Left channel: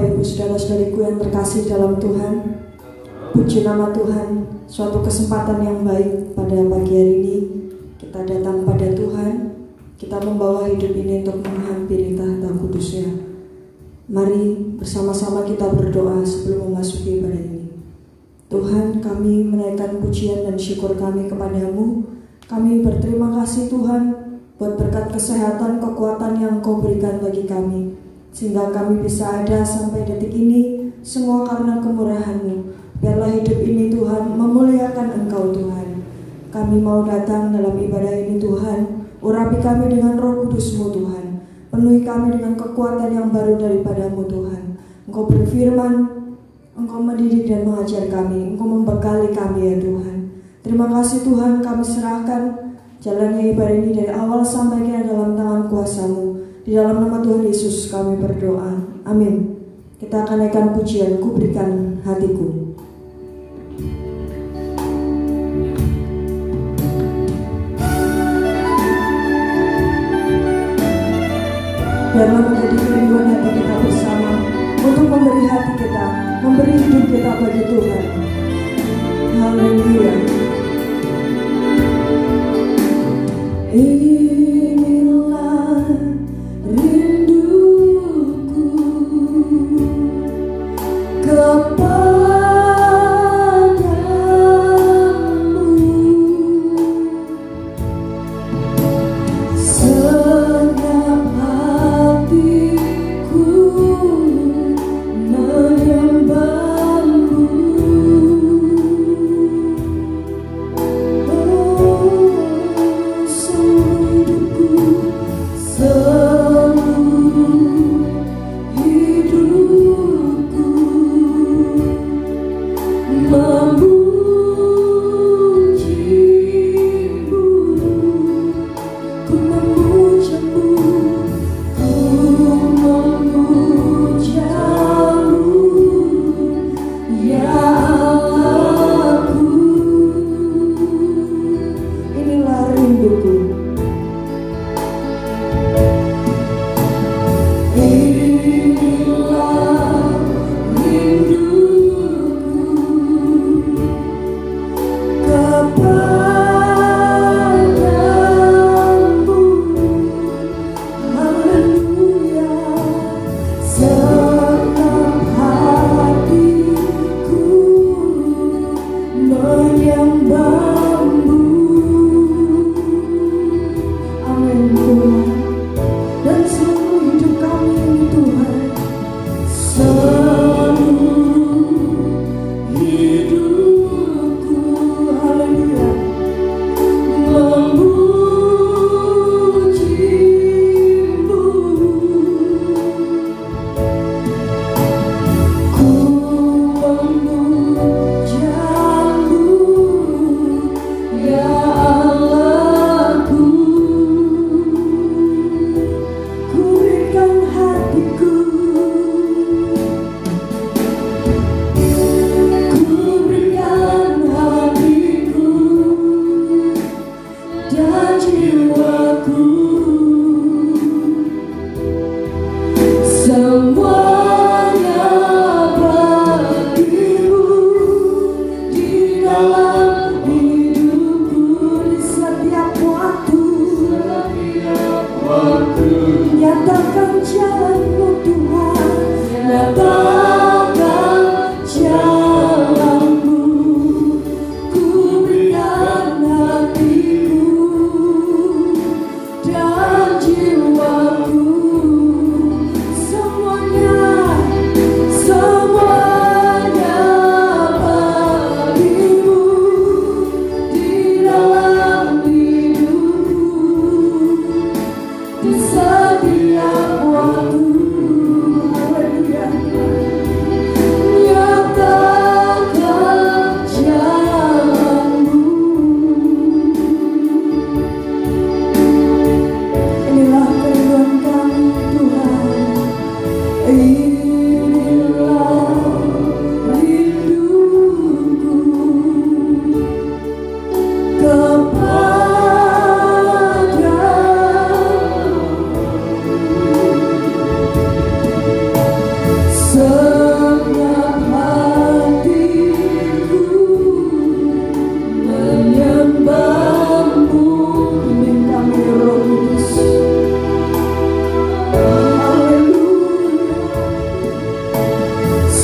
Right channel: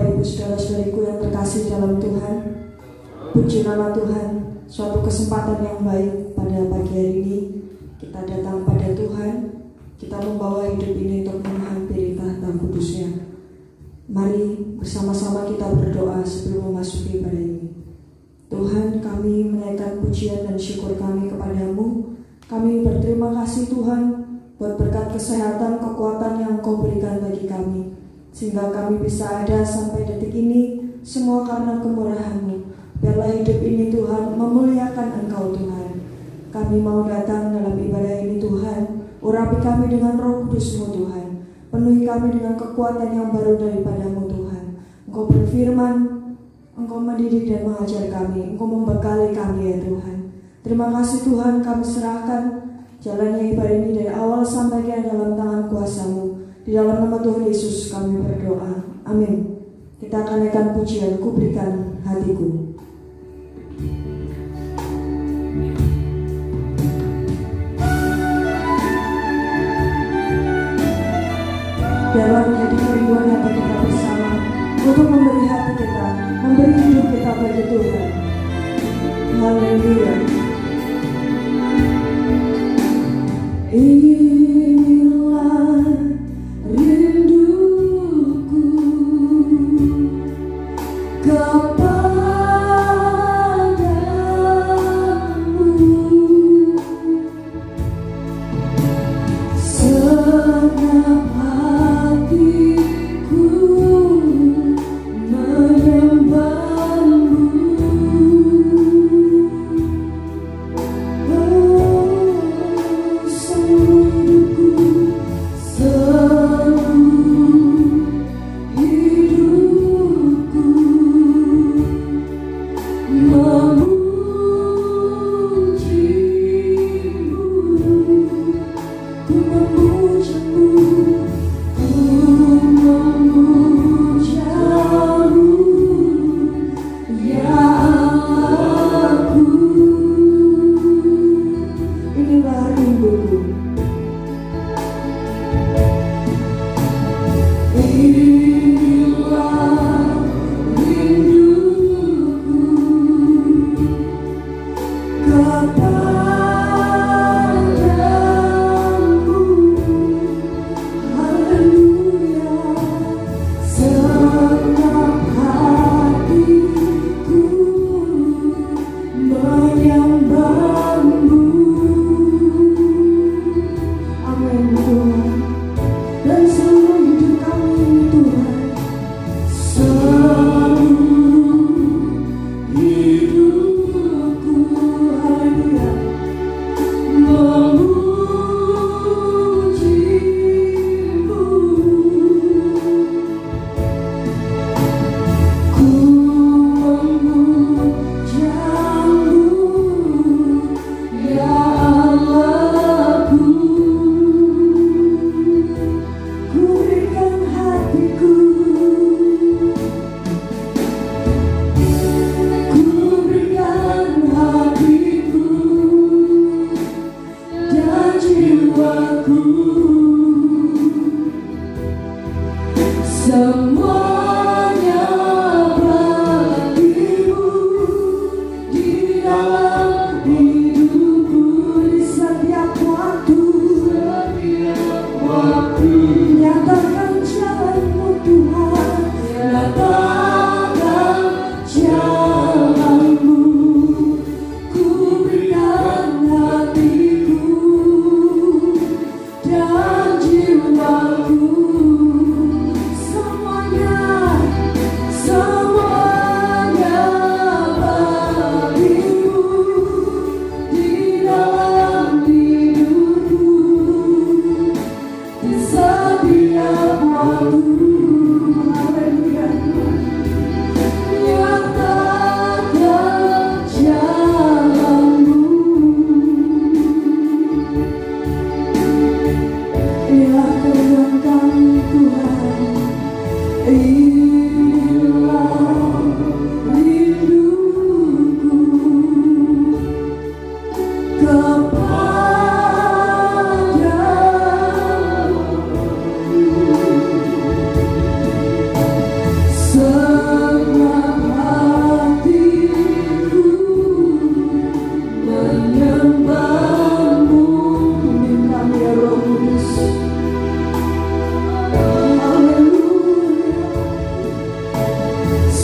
Bapak Ibu saudara-saudariku yang terkasih dalam Tuhan, puji nama Tuhan. Suatu kesempatan yang baik pada pagi hari ini kita datang pada Tuhan. Kita membawa hidup ini untuk menghampiri tahta kudusnya. Mari bersama-sama kita berdoa sebelum memasuki ibadah ini. Tuhan, kami menaikkan pujian dan syukur kami kepadamu. Kami berterima kasih Tuhan buat berkat kesehatan, kekuatan yang Kau berikan bagi kami, sehingga kami bisa ada sampai detik ini, semua karena kemurahan-Mu. Biarlah hidup ini Tuhan memuliakan Engkau Tuhan. Kami mau datang dalam ibadah ini Tuhan, urapi kami dengan Roh Kudus-Mu Tuhan. Penuhi kami dengan kekuatan yang baru daripada-Mu Tuhan. Engkau berfirman, Engkau mendidik dan mengajar kami, Engkau membekali kami ya Tuhan. Terima kasih Tuhan, kami serahkan jalannya ibadah ini dari awal sampai ke dalam tangan kuasa-Mu. Di dalam nama Tuhan Yesus kami berdoa, amin. Kita akan naikkan pujian, Ku Berikan Hatiku. Biarlah menjadi kerinduan hati kita bersama untuk memberi hati kita, memberi hidup kita bagi Tuhan. Haleluya. Inilah rinduku kepadamu, senap hatiku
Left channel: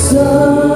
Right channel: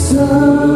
Semua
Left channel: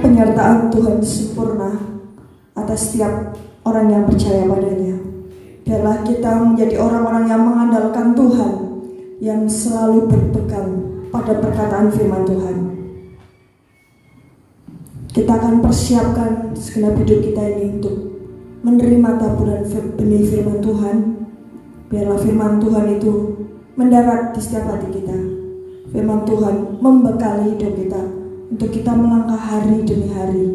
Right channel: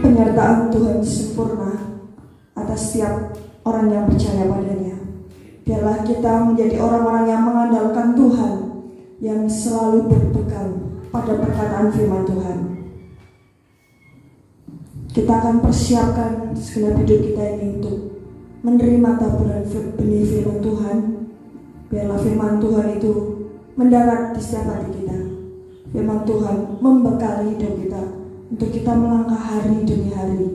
penyertaan Tuhan sempurna atas setiap orang yang percaya padanya. Biarlah kita menjadi orang-orang yang mengandalkan Tuhan, yang selalu berpegang pada perkataan firman Tuhan. Kita akan persiapkan segenap hidup kita ini untuk menerima taburan benih firman Tuhan. Biarlah firman Tuhan itu mendarat di setiap hati kita. Firman Tuhan membekali hidup kita untuk kita melangkah hari demi hari.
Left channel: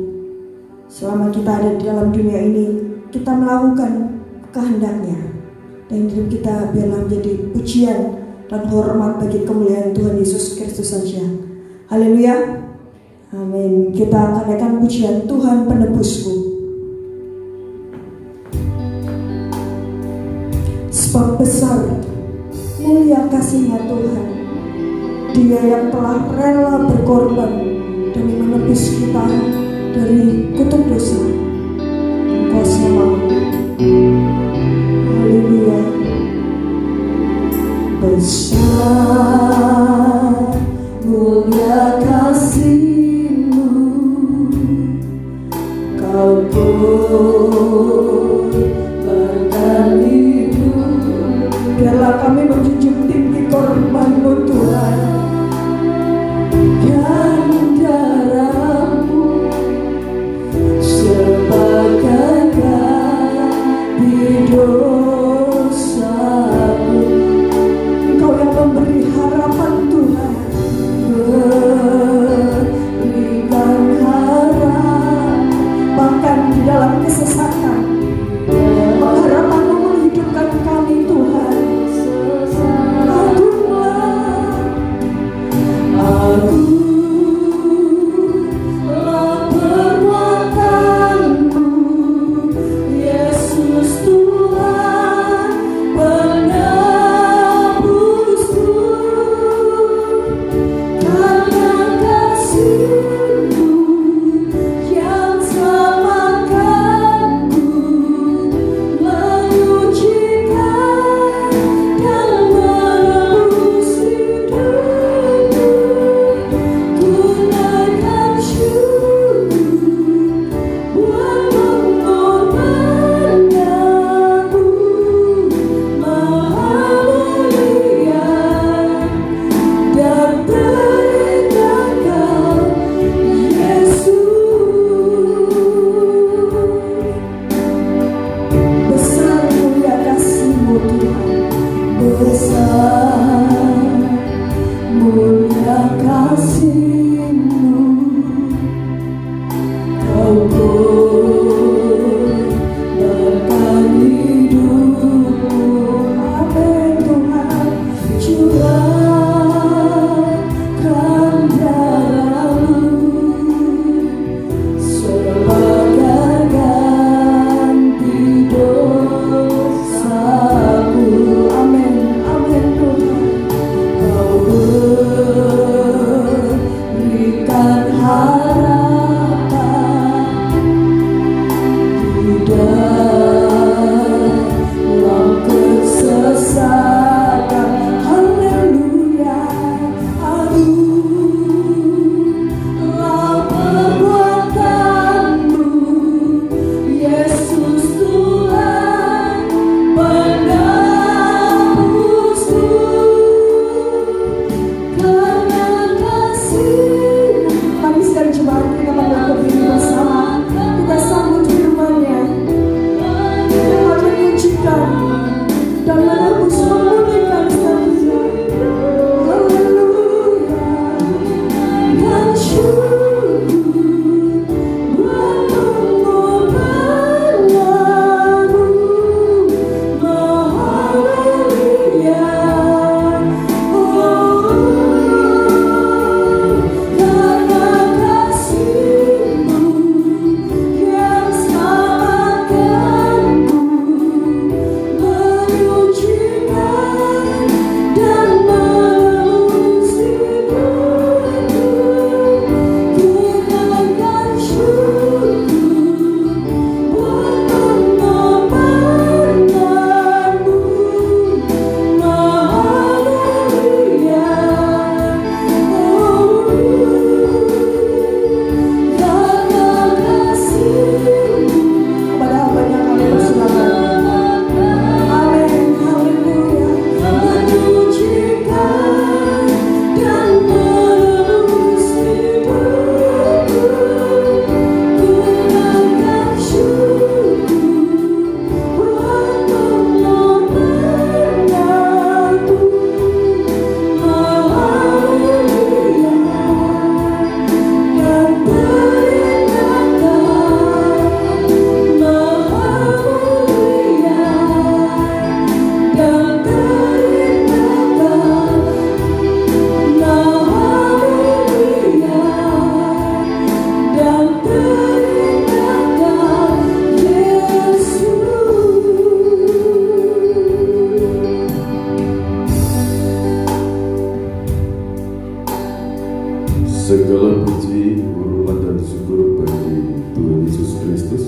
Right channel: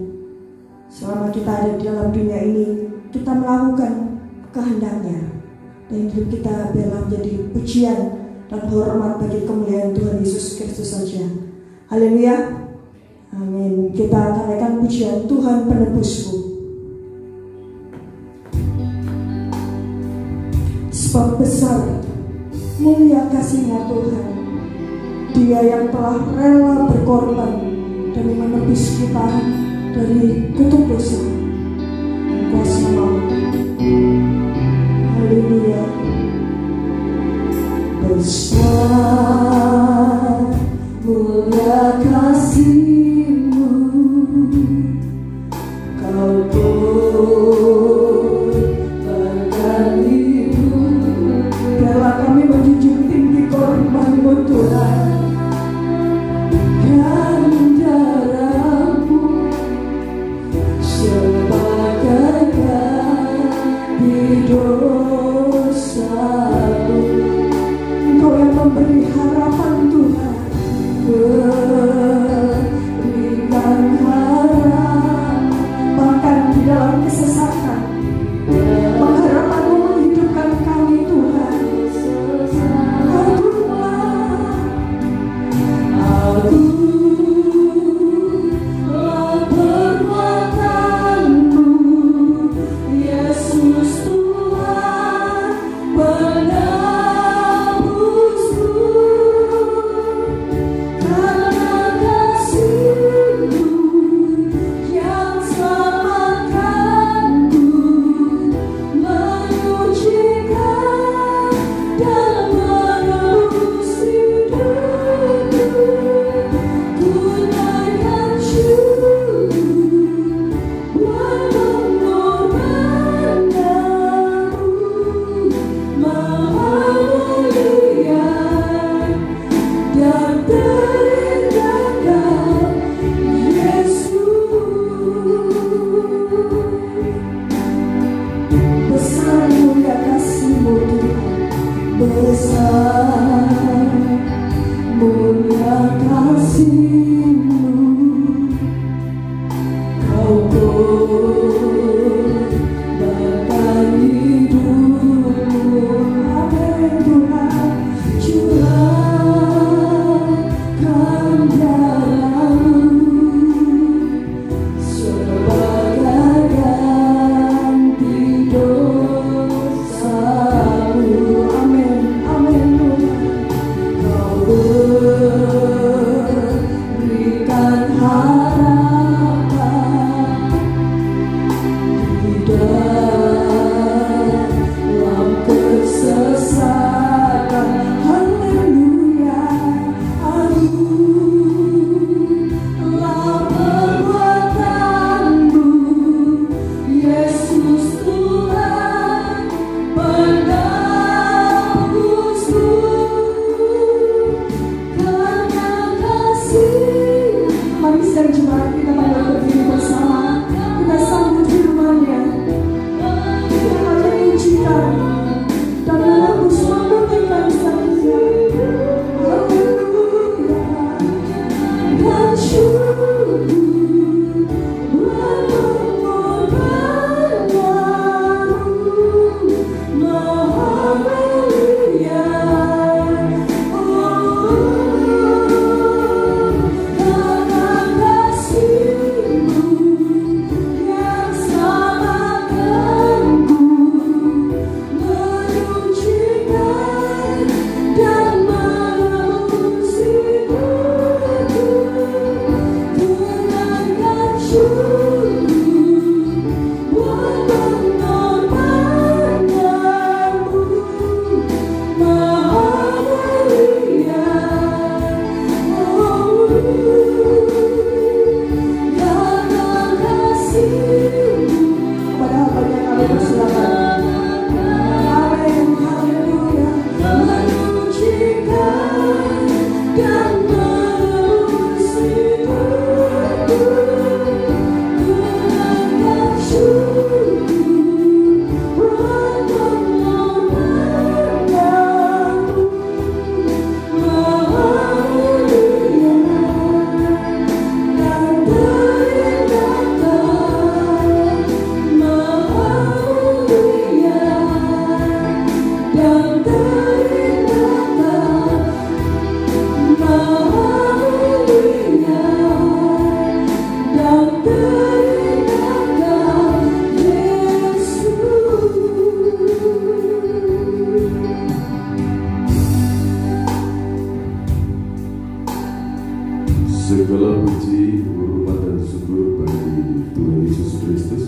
Selama kita ada di dalam dunia ini, kita melakukan kehendaknya, dan hidup kita biarlah menjadi pujian dan hormat bagi kemuliaan Tuhan Yesus Kristus saja. Haleluya, amin. Kita akan naikkan pujian Tuhan penebusku. Sebab besar mulia kasih-Nya Tuhan, Dia yang telah rela berkorban demi menebus kita dari kutuk dosa. Engkau selamat. Haleluya. Besar mulia kasih-Mu, Kau korbankan hidup. Biarlah kami menjunjung tinggi korban-Mu Tuhan, dan Segala puji, hormat dan syukur bagi Tuhan Yesus Kristus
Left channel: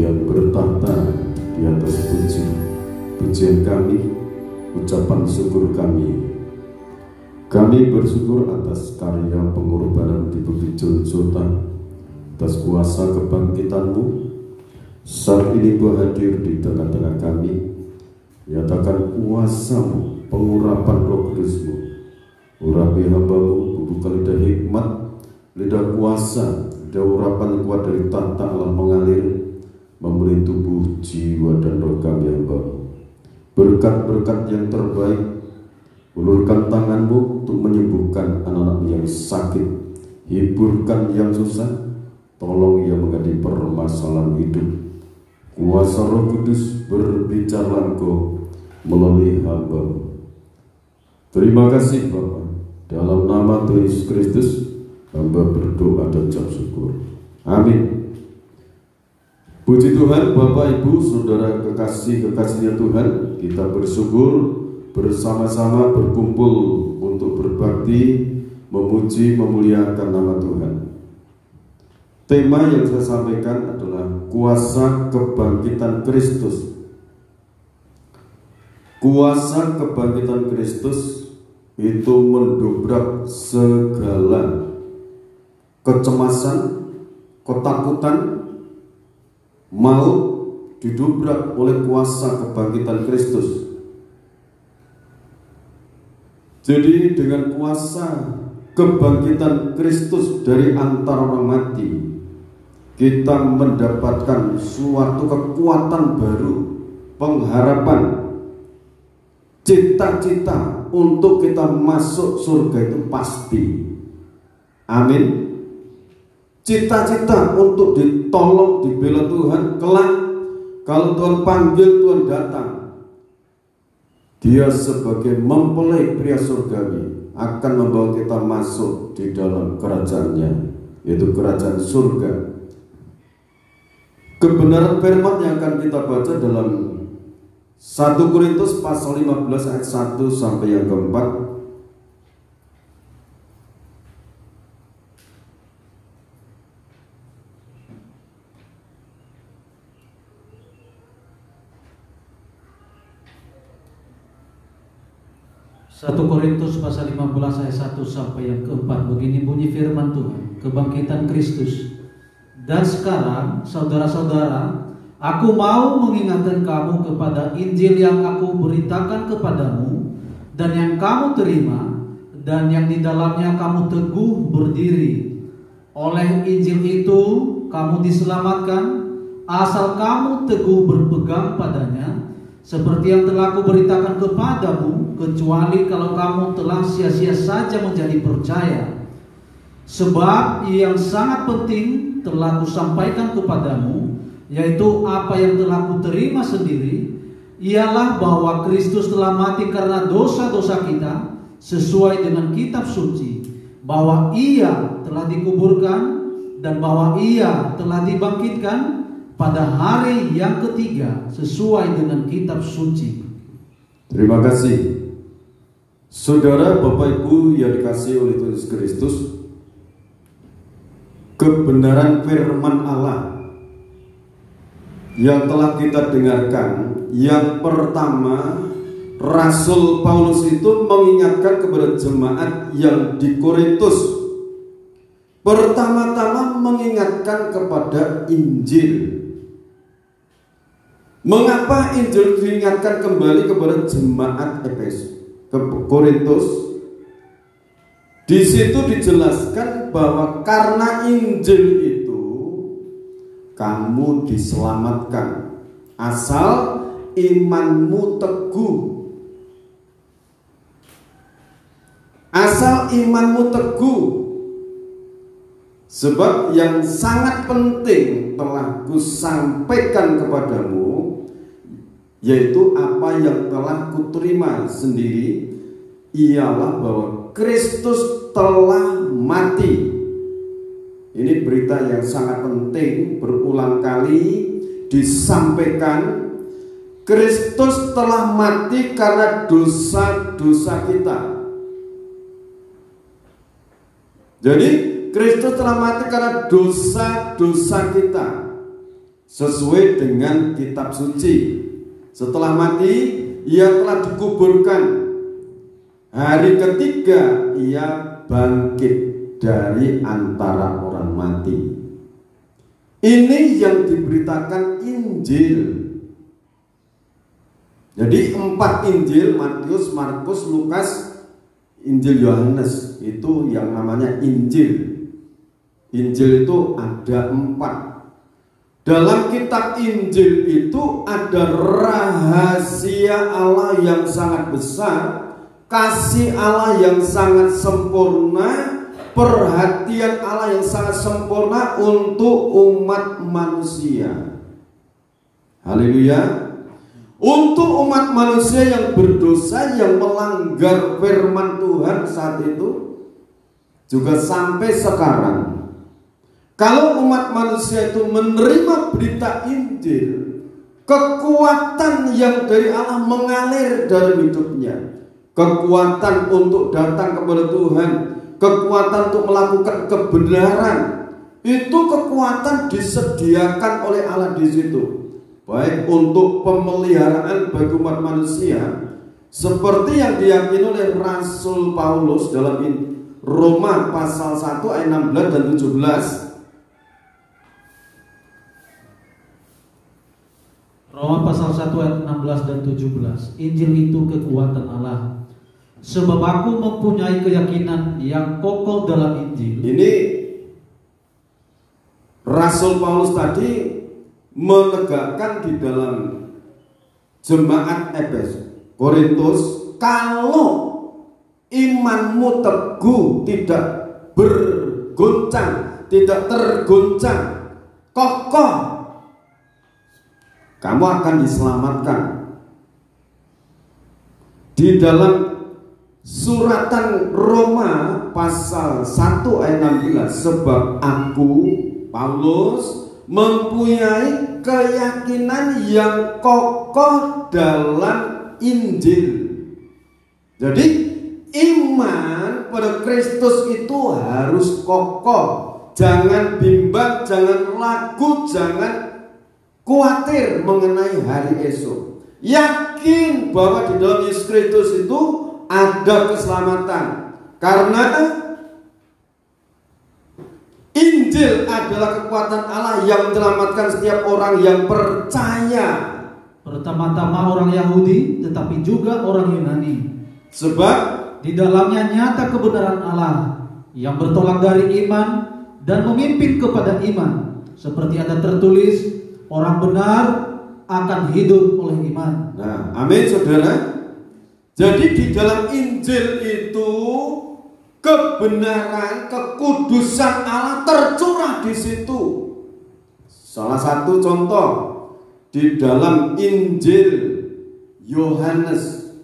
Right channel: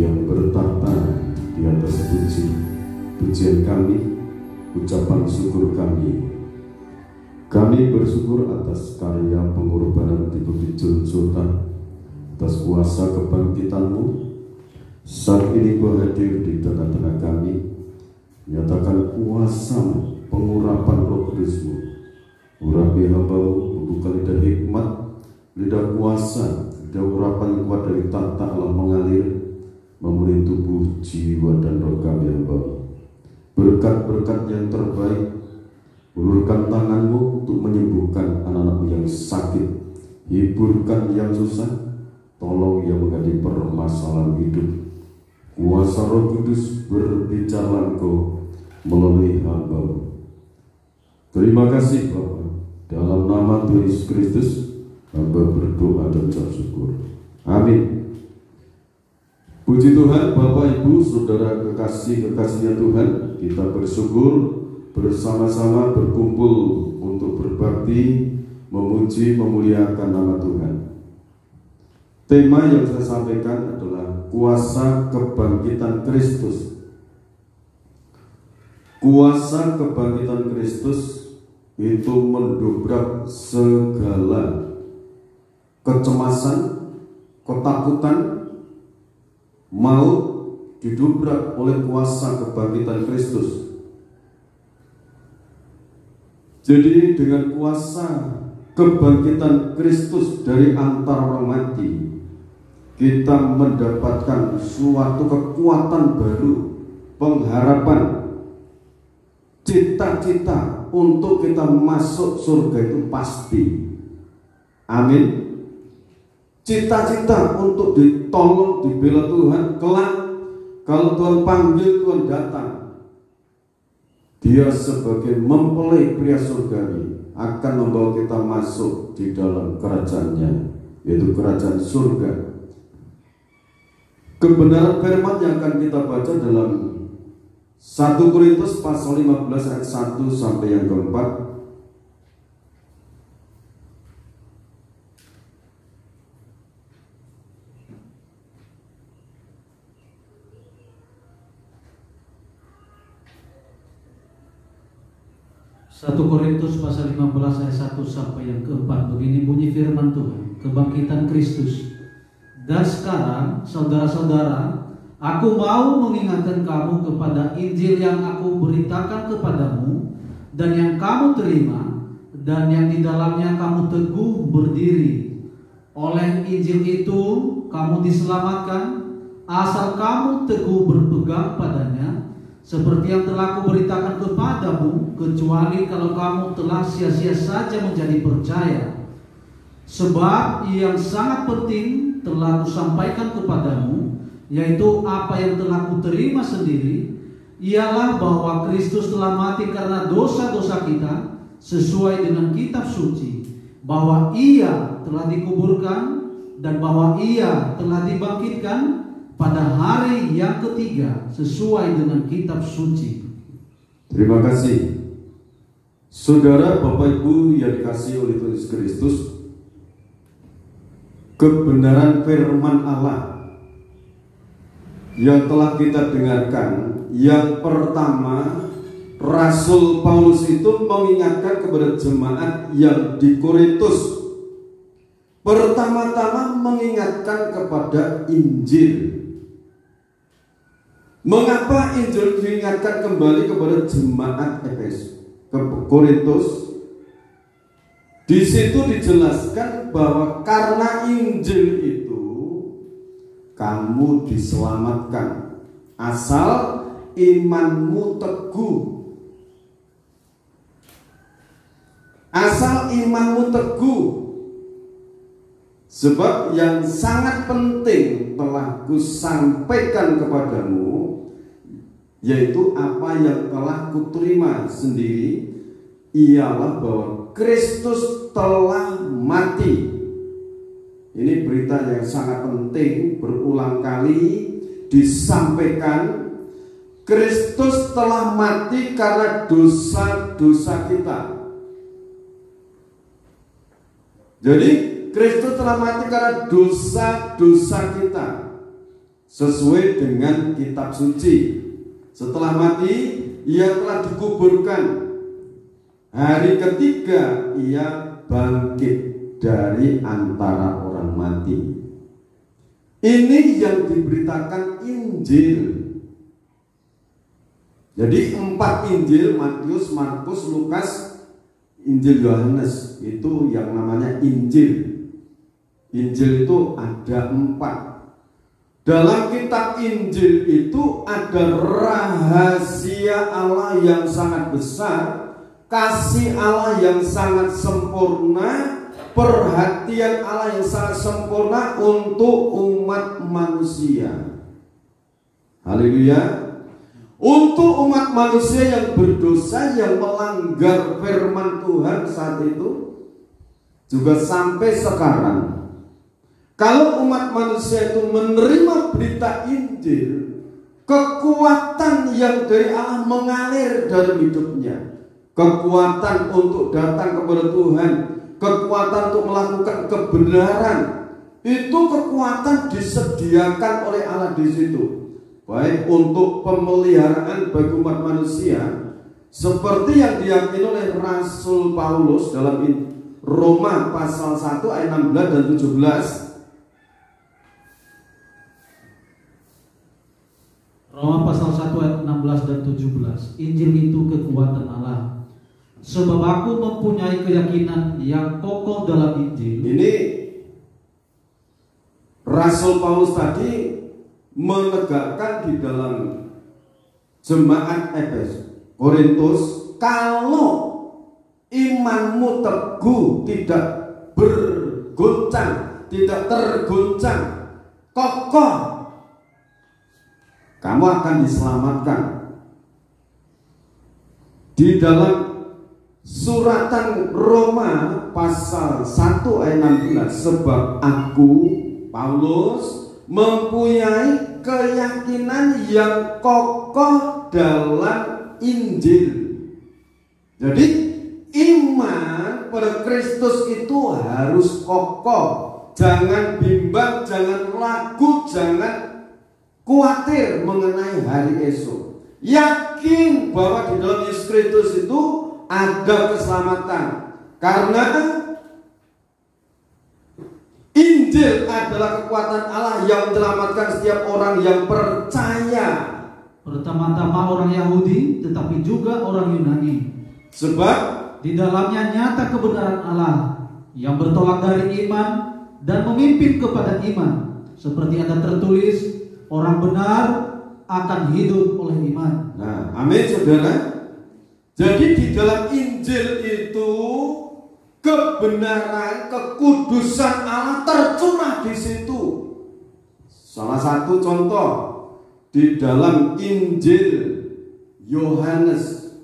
yang bertahta di atas pujian kami, ucapan syukur kami. Kami bersyukur atas karya pengorbanan di Bukit Golgota, atas kuasa kebangkitan-Mu. Saat ini Kau hadir di tengah-tengah kami, nyatakan kuasa pengurapan Roh Kudus-Mu. Urapi hamba-Mu, bukan lidah hikmat, lidah kuasa, lidah urapan yang kuat dari tahta Allah mengalir, memenuhi tubuh, jiwa, dan roh kami hamba-Mu. Berkat-berkat yang terbaik, ulurkan tangan-Mu untuk menyembuhkan anak-anak yang sakit, hiburkan yang susah, tolong yang menghadapi permasalahan hidup. Kuasa Roh Kudus berbicara Engkau melalui hamba-Mu. Terima kasih Bapa. Dalam nama Tuhan Yesus Kristus, hamba berdoa dan ucap syukur. Amin. Puji Tuhan, Bapak, Ibu, Saudara kekasih-kekasihnya Tuhan, kita bersyukur bersama-sama berkumpul untuk berbakti, memuji, memuliakan nama Tuhan. Tema yang saya sampaikan adalah kuasa kebangkitan Kristus. Kuasa kebangkitan Kristus itu mendobrak segala kecemasan, ketakutan, maut didobrak oleh kuasa kebangkitan Kristus. Jadi dengan kuasa kebangkitan Kristus dari antara orang mati, kita mendapatkan suatu kekuatan baru, pengharapan, cita-cita untuk kita masuk surga itu pasti. Amin. Cita-cita untuk ditolong, dibela Tuhan kelak. Kalau Tuhan panggil, Tuhan datang. Dia sebagai mempelai pria surgawi akan membawa kita masuk di dalam kerajaannya, yaitu kerajaan surga. Kebenaran firman yang akan kita baca dalam 1 Korintus pasal 15 ayat 1 sampai yang keempat. Satu Korintus pasal 15 ayat 1 sampai yang keempat. Begini bunyi firman Tuhan, kebangkitan Kristus. Dan sekarang saudara-saudara, aku mau mengingatkan kamu kepada Injil yang aku beritakan kepadamu dan yang kamu terima dan yang di dalamnya kamu teguh berdiri. Oleh Injil itu kamu diselamatkan asal kamu teguh berpegang padanya, seperti yang telah aku beritakan kepadamu, kecuali kalau kamu telah sia-sia saja menjadi percaya. Sebab yang sangat penting telah aku sampaikan kepadamu, yaitu apa yang telah kuterima sendiri, ialah bahwa Kristus telah mati karena dosa-dosa kita sesuai dengan kitab suci, bahwa Ia telah dikuburkan dan bahwa Ia telah dibangkitkan pada hari yang ketiga sesuai dengan kitab suci. Terima kasih. Saudara, Bapak, Ibu yang dikasihi oleh Tuhan Yesus Kristus, kebenaran firman Allah yang telah kita dengarkan, yang pertama, Rasul Paulus itu mengingatkan kepada jemaat yang di Korintus. Pertama-tama mengingatkan kepada Injil. Mengapa Injil diingatkan kembali kepada jemaat Korintus? Di situ dijelaskan bahwa karena Injil itu kamu diselamatkan asal imanmu teguh. Asal imanmu teguh. Sebab yang sangat penting telah kusampaikan kepadamu, yaitu apa yang telah kuterima sendiri, ialah bahwa Kristus telah mati. Ini berita yang sangat penting, berulang kali disampaikan. Kristus telah mati karena dosa-dosa kita. Jadi Kristus telah mati karena dosa-dosa kita, sesuai dengan kitab suci. Setelah mati, ia telah dikuburkan. Hari ketiga, ia bangkit dari antara orang mati. Ini yang diberitakan Injil. Jadi 4 Injil, Matius, Markus, Lukas, Injil Yohanes, itu yang namanya Injil. Injil itu ada 4. Dalam kitab Injil itu ada rahasia Allah yang sangat besar, kasih Allah yang sangat sempurna, perhatian Allah yang sangat sempurna untuk umat manusia. Haleluya. Untuk umat manusia yang berdosa, yang melanggar firman Tuhan saat itu, juga sampai sekarang. Kalau umat manusia itu menerima berita Injil, kekuatan yang dari Allah mengalir dalam hidupnya. Kekuatan untuk datang kepada Tuhan, kekuatan untuk melakukan kebenaran, itu kekuatan disediakan oleh Allah di situ. Baik untuk pemeliharaan bagi umat manusia, seperti yang diyakini oleh Rasul Paulus dalam Roma pasal 1 ayat 16 dan 17. Roma pasal 1 ayat 16 dan 17. Injil itu kekuatan Allah. Sebab aku mempunyai keyakinan yang kokoh dalam Injil. Ini Rasul Paulus tadi menegakkan di dalam jemaat Korintus, kalau imanmu teguh, tidak bergoncang, tidak tergoncang, kokoh, kamu akan diselamatkan. Di dalam suratan Roma pasal 1 ayat 16, sebab aku Paulus mempunyai keyakinan yang kokoh dalam Injil. Jadi iman pada Kristus itu harus kokoh. Jangan bimbang, jangan ragu, jangan khawatir mengenai hari esok. Yakin bahwa di dalam Yesus Kristus itu ada keselamatan. Karena Injil adalah kekuatan Allah yang menyelamatkan setiap orang yang percaya. Pertama-tama orang Yahudi, tetapi juga orang Yunani. Sebab di dalamnya nyata kebenaran Allah yang bertolak dari iman dan memimpin kepada iman. Seperti ada tertulis, orang benar akan hidup oleh iman. Nah, amin saudara. Jadi di dalam Injil itu kebenaran, kekudusan Allah tercurah di situ. Salah satu contoh di dalam Injil Yohanes,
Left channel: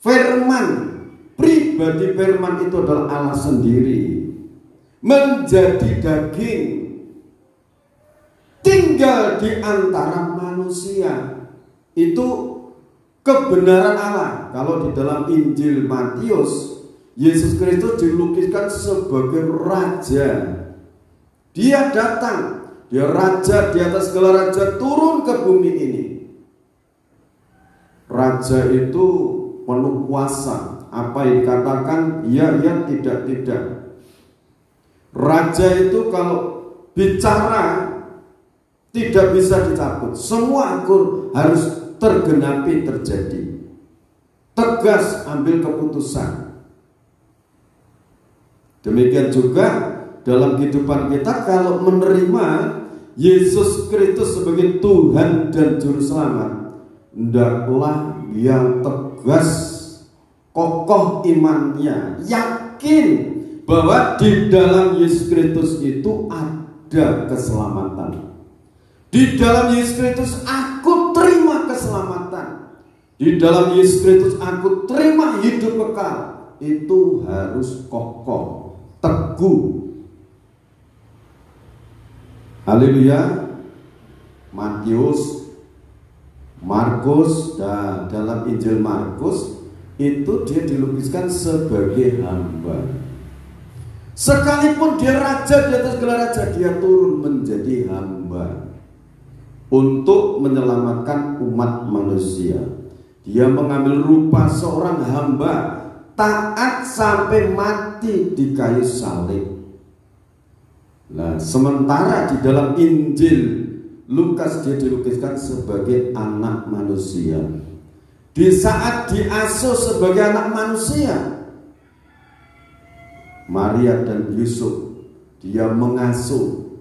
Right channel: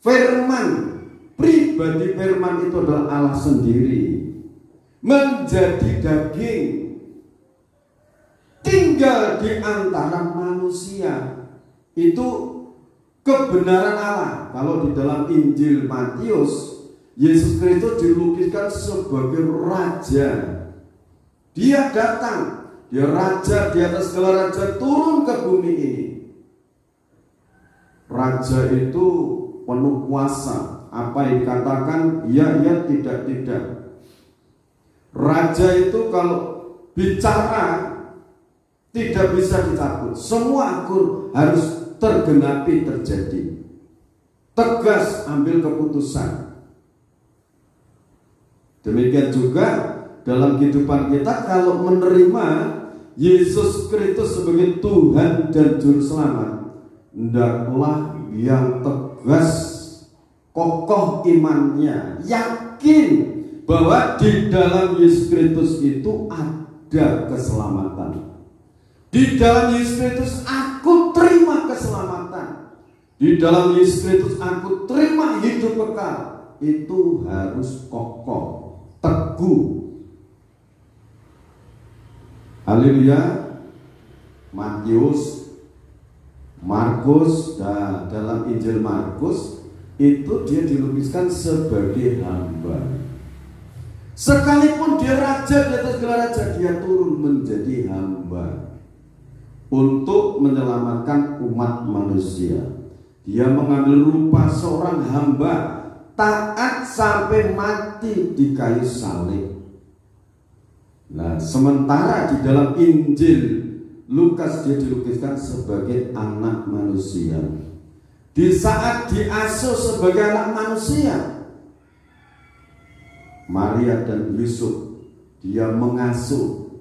firman, pribadi firman itu adalah Allah sendiri, menjadi daging, tinggal di antara manusia. Itu kebenaran Allah. Kalau di dalam Injil Matius, Yesus Kristus dilukiskan sebagai raja. Dia datang, dia raja di atas segala raja, turun ke bumi ini. Raja itu penuh kuasa. Apa yang dikatakan, ya, tidak. Raja itu kalau bicara tidak bisa dicabut. Semua akur harus tergenapi, terjadi. Tegas ambil keputusan. Demikian juga dalam kehidupan kita, kalau menerima Yesus Kristus sebagai Tuhan dan Juru Selamat, hendaklah yang tegas, kokoh imannya, yakin bahwa di dalam Yesus Kristus itu ada keselamatan. Di dalam Yesus Kristus aku terima keselamatan. Di dalam Yesus Kristus aku terima hidup kekal. Itu harus kokoh, teguh. Haleluya. Matius, Markus, dan dalam Injil Markus itu dia dilukiskan sebagai hamba. Sekalipun dia raja di atas gelar raja, dia turun menjadi hamba untuk menyelamatkan umat manusia. Dia mengambil rupa seorang hamba, taat sampai mati di kayu salib. Nah, sementara di dalam Injil Lukas dia dilukiskan sebagai anak manusia. Di saat diasuh sebagai anak manusia, Maria dan Yusuf dia mengasuh.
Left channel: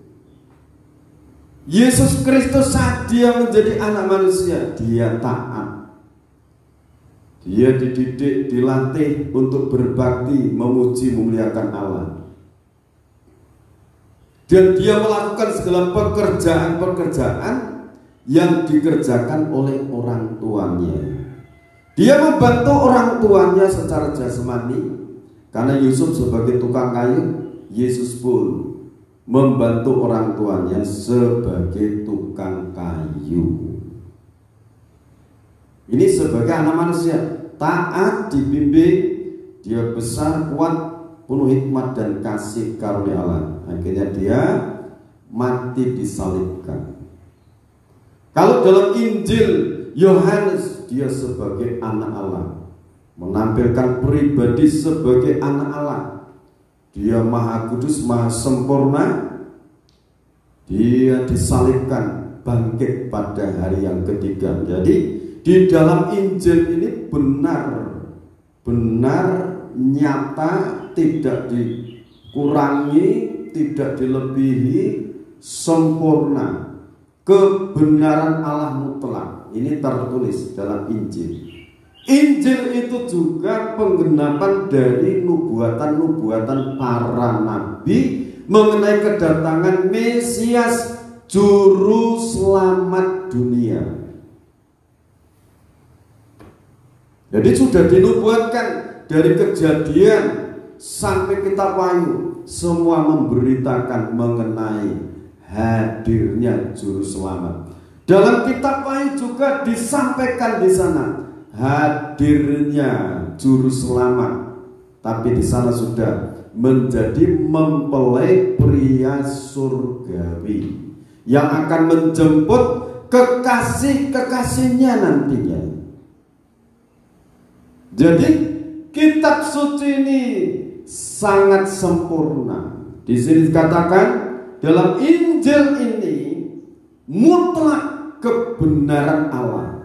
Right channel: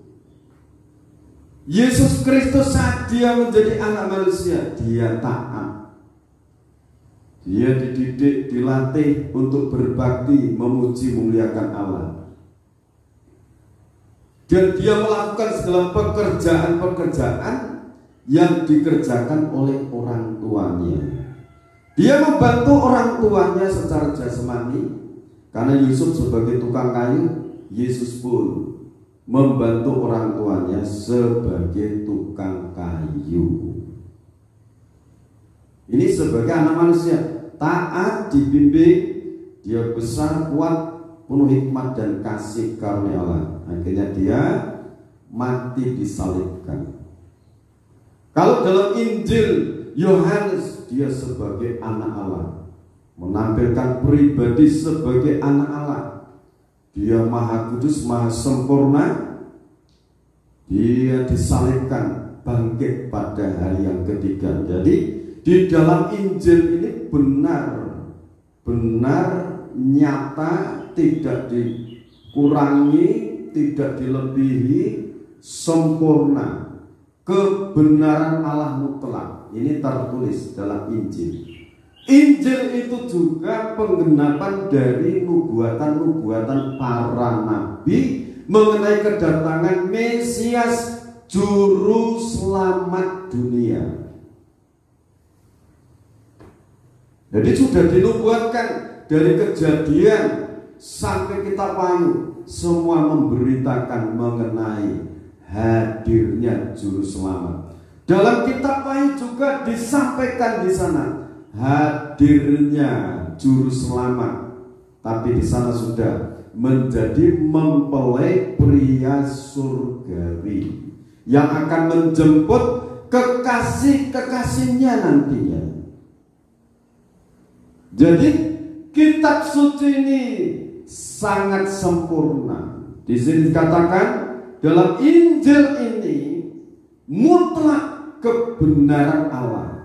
Yesus Kristus saat dia menjadi anak manusia, dia taat. Dia dididik, dilatih untuk berbakti, memuji, memuliakan Allah. Dan dia melakukan segala pekerjaan-pekerjaan yang dikerjakan oleh orang tuanya. Dia membantu orang tuanya secara jasmani, karena Yusuf sebagai tukang kayu, Yesus pun membantu orang tuanya sebagai tukang kayu. Ini sebagai anak manusia, taat, dibimbing, dia besar, kuat, penuh hikmat dan kasih karunia Allah. Akhirnya dia mati disalibkan. Kalau dalam Injil Yohanes dia sebagai anak Allah, menampilkan pribadi sebagai anak Allah. Dia maha kudus, maha sempurna. Dia disalibkan, bangkit pada hari yang ketiga. Jadi di dalam Injil ini benar nyata, tidak dikurangi, tidak dilebihi, sempurna. Kebenaran Allah mutlak. Ini tertulis dalam Injil. Injil itu juga penggenapan dari nubuatan-nubuatan para nabi mengenai kedatangan Mesias, juru selamat dunia. Jadi sudah dinubuatkan dari Kejadian sampai Kitab Wahyu, semua memberitakan mengenai hadirnya juru selamat. Dalam Kitab Wahyu juga disampaikan di sana hadirnya juru selamat, tapi di sana sudah menjadi mempelai pria surgawi yang akan menjemput kekasih-kekasihnya nantinya. Jadi kitab suci ini sangat sempurna. Di sini dikatakan dalam Injil ini mutlak kebenaran Allah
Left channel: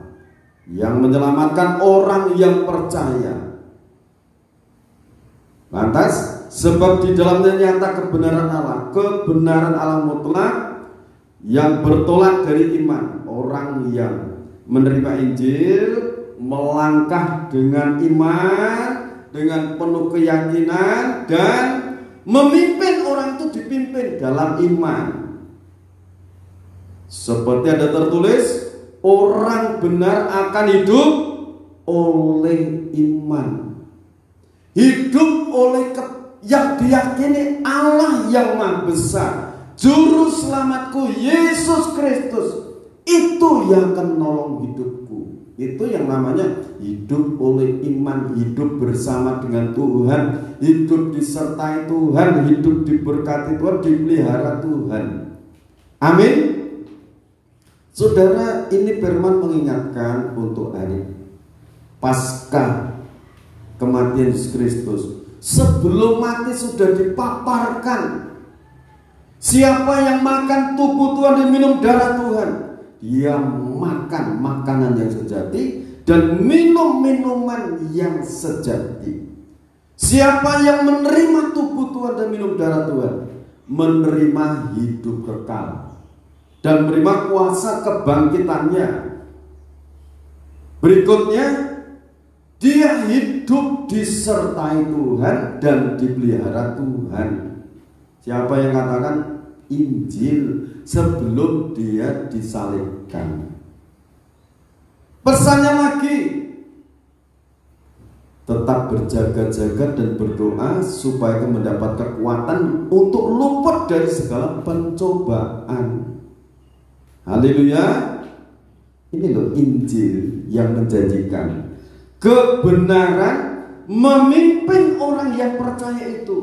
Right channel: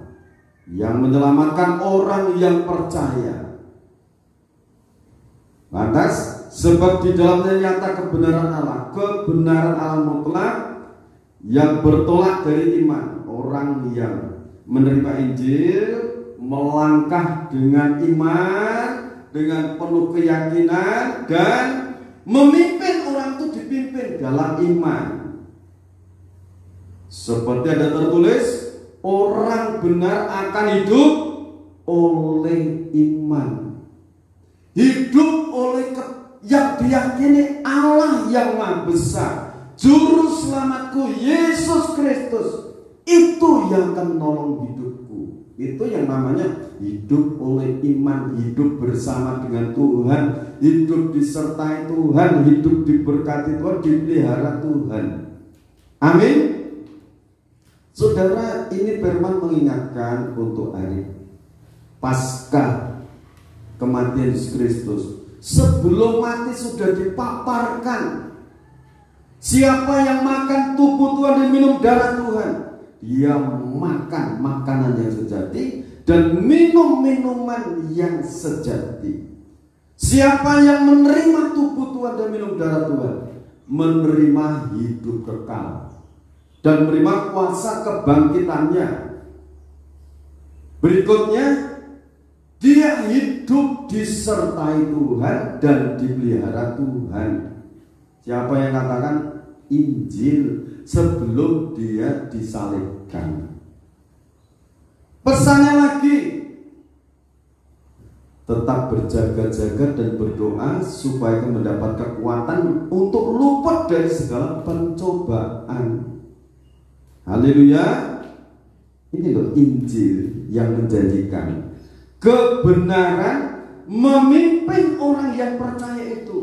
yang menyelamatkan orang yang percaya. Lantas, sebab di dalamnya nyata kebenaran Allah mutlak yang bertolak dari iman. Orang yang menerima Injil melangkah dengan iman, dengan penuh keyakinan, dan memimpin orang itu dipimpin dalam iman. Seperti ada tertulis, orang benar akan hidup oleh iman. Hidup oleh yang diyakini Allah yang Maha Besar, Juru Selamatku Yesus Kristus. Itu yang akan menolong hidupku. Itu yang namanya hidup oleh iman, hidup bersama dengan Tuhan, hidup disertai Tuhan, hidup diberkati Tuhan, dipelihara Tuhan. Amin. Saudara, ini firman mengingatkan untuk hari Paskah kematian Yesus Kristus. Sebelum mati sudah dipaparkan, siapa yang makan tubuh Tuhan dan minum darah Tuhan, dia makan makanan yang sejati dan minum minuman yang sejati. Siapa yang menerima tubuh Tuhan dan minum darah Tuhan, menerima hidup kekal dan menerima kuasa kebangkitannya. Berikutnya, Dia hidup disertai Tuhan dan dipelihara Tuhan. Siapa yang katakan Injil sebelum dia disalibkan? Pesannya lagi, tetap berjaga-jaga dan berdoa supaya mendapat kekuatan untuk luput dari segala pencobaan. Haleluya. Ini loh Injil yang menjanjikan kebenaran memimpin orang yang percaya itu.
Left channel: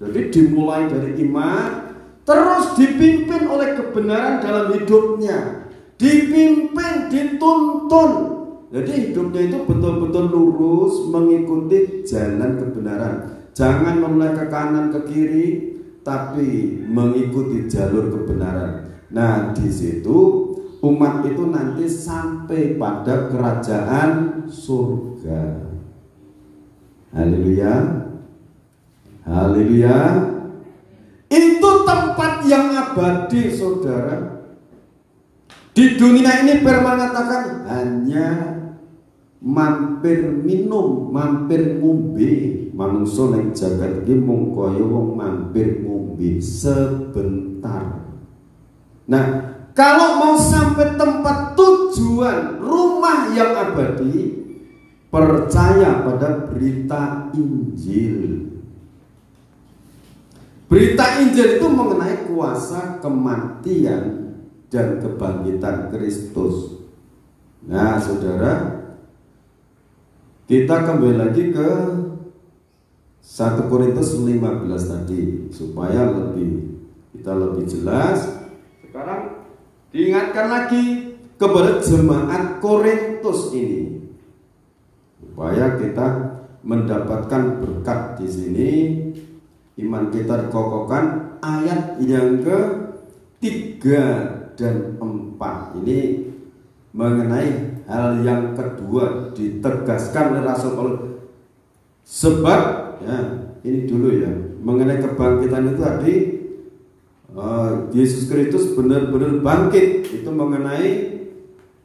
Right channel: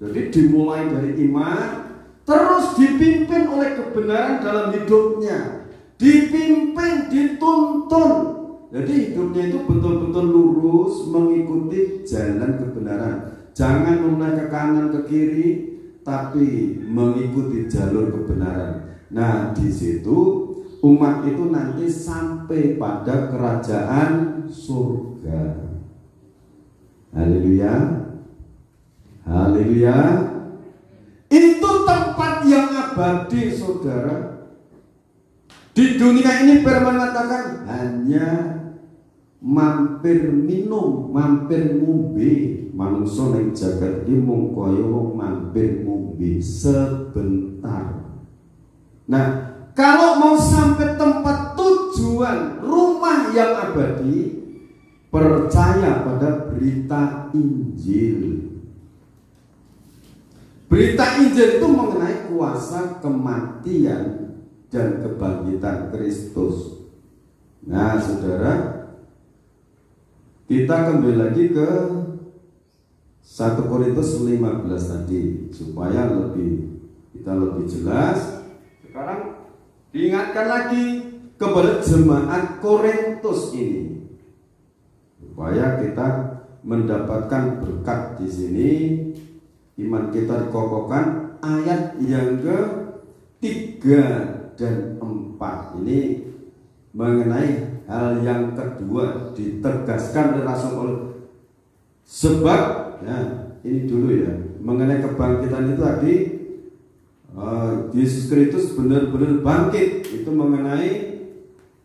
Jadi dimulai dari iman, terus dipimpin oleh kebenaran dalam hidupnya, dipimpin, dituntun. Jadi hidupnya itu betul-betul lurus mengikuti jalan kebenaran. Jangan menoleh ke kanan ke kiri, tapi mengikuti jalur kebenaran. Nah, di situ umat itu nanti sampai pada kerajaan surga. Haleluya. Haleluya. Itu tempat yang abadi, saudara. Di dunia ini mengatakan hanya mampir minum, mampir ngombe. Manungsa ning jagat iki mung kaya wong mampir ngombe sebentar. Nah, kalau mau sampai tempat tujuan, rumah yang abadi, percaya pada berita Injil. Berita Injil itu mengenai kuasa kematian dan kebangkitan Kristus. Nah, saudara, kita kembali lagi ke 1 Korintus 15 tadi supaya kita lebih jelas. Sekarang diingatkan lagi kepada jemaat Korintus ini supaya kita mendapatkan berkat di sini. Iman kita dikokohkan. Ayat yang ke-3 dan 4 ini mengenai hal yang kedua ditegaskan oleh Rasul Paulus. Sebab ya, ini dulu ya, mengenai kebangkitan itu tadi Yesus Kristus benar-benar bangkit. Itu mengenai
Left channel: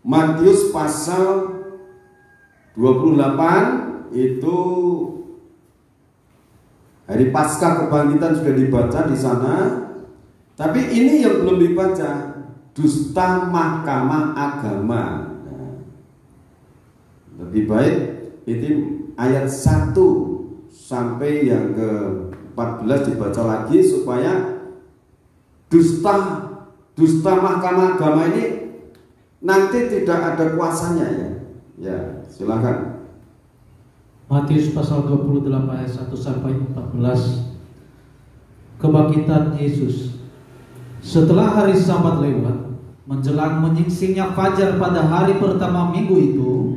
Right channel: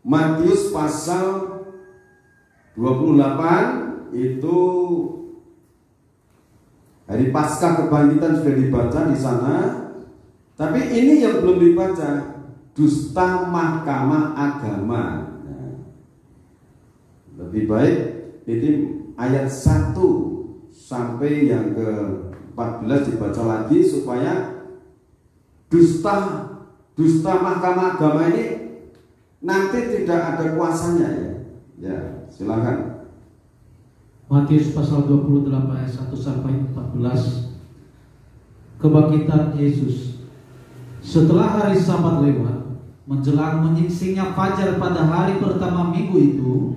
Matius pasal 28, itu hari Paskah kebangkitan sudah dibaca di sana. Tapi ini yang belum dibaca, dusta mahkamah agama. Nah, lebih baik itu ayat 1 sampai yang ke-14 dibaca lagi supaya dusta mahkamah agama ini nanti tidak ada kuasanya ya. Ya, silakan. Matius pasal 28 ayat 1 sampai 14. Kebangkitan Yesus. Setelah hari Sabat lewat, menjelang menyingsingnya fajar pada hari pertama minggu itu,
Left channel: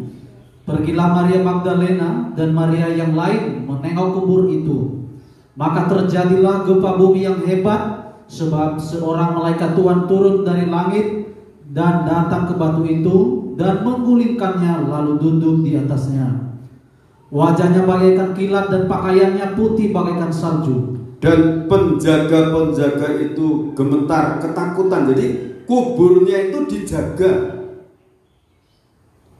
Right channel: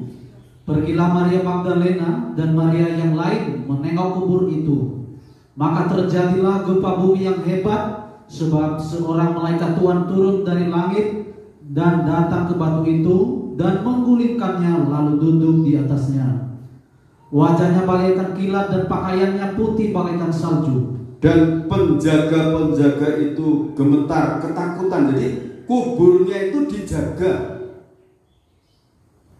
pergilah Maria Magdalena dan Maria yang lain menengok kubur itu. Maka terjadilah gempa bumi yang hebat, sebab seorang malaikat Tuhan turun dari langit dan datang ke batu itu dan menggulingkannya lalu duduk di atasnya. Wajahnya bagaikan kilat dan pakaiannya putih bagaikan salju. Dan penjaga-penjaga itu gemetar ketakutan. Jadi kuburnya itu dijaga,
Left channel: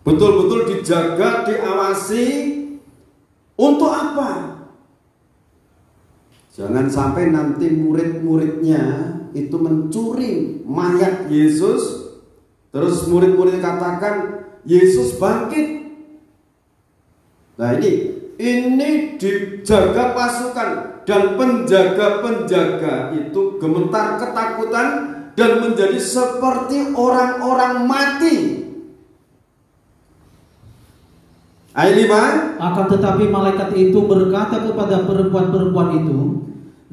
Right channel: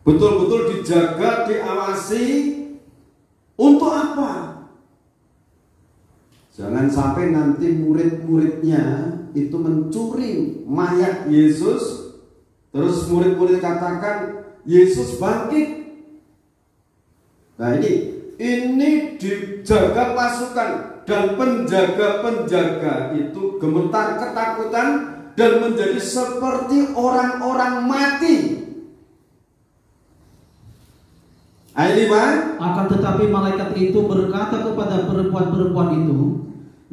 betul-betul dijaga, diawasi. Untuk apa? Jangan sampai nanti murid-muridnya itu mencuri mayat Yesus, terus murid-murid katakan Yesus bangkit. Nah, ini dijaga pasukan, dan penjaga-penjaga itu gemetar ketakutan dan menjadi seperti orang-orang mati. Ayat 5. Akan tetapi malaikat itu berkata kepada perempuan-perempuan itu,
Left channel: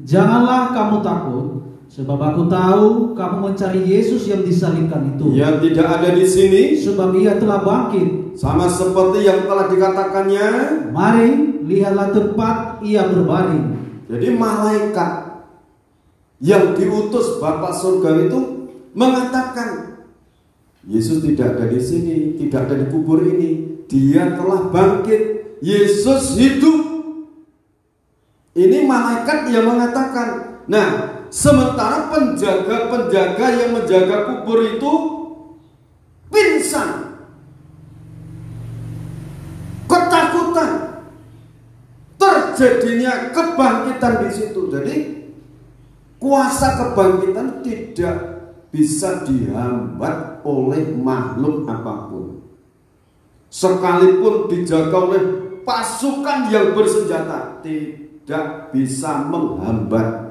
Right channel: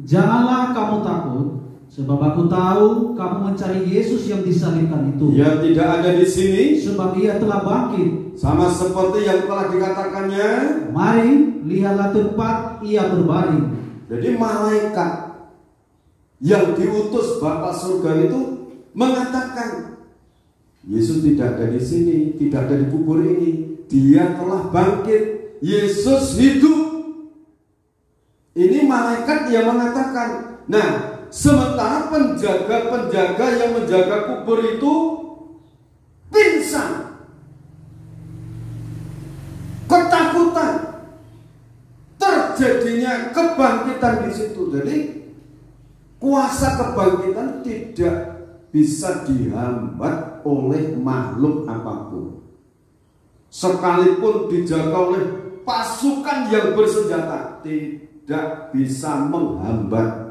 janganlah kamu takut, sebab aku tahu kamu mencari Yesus yang disalibkan itu. Yang tidak ada di sini, sebab ia telah bangkit, sama seperti yang telah dikatakannya. Mari, lihatlah tempat ia berbaring. Jadi malaikat yang diutus Bapa surga itu mengatakan Yesus tidak ada di sini, tidak ada di kubur ini. Dia telah bangkit. Yesus hidup. Ini malaikat yang mengatakan. Nah, sementara penjaga-penjaga yang menjaga kubur itu pingsan, ketakutan. Jadi kuasa kebangkitan tidak bisa dihambat oleh makhluk apapun, sekalipun dijaga oleh pasukan yang bersenjata, tidak bisa menghambat.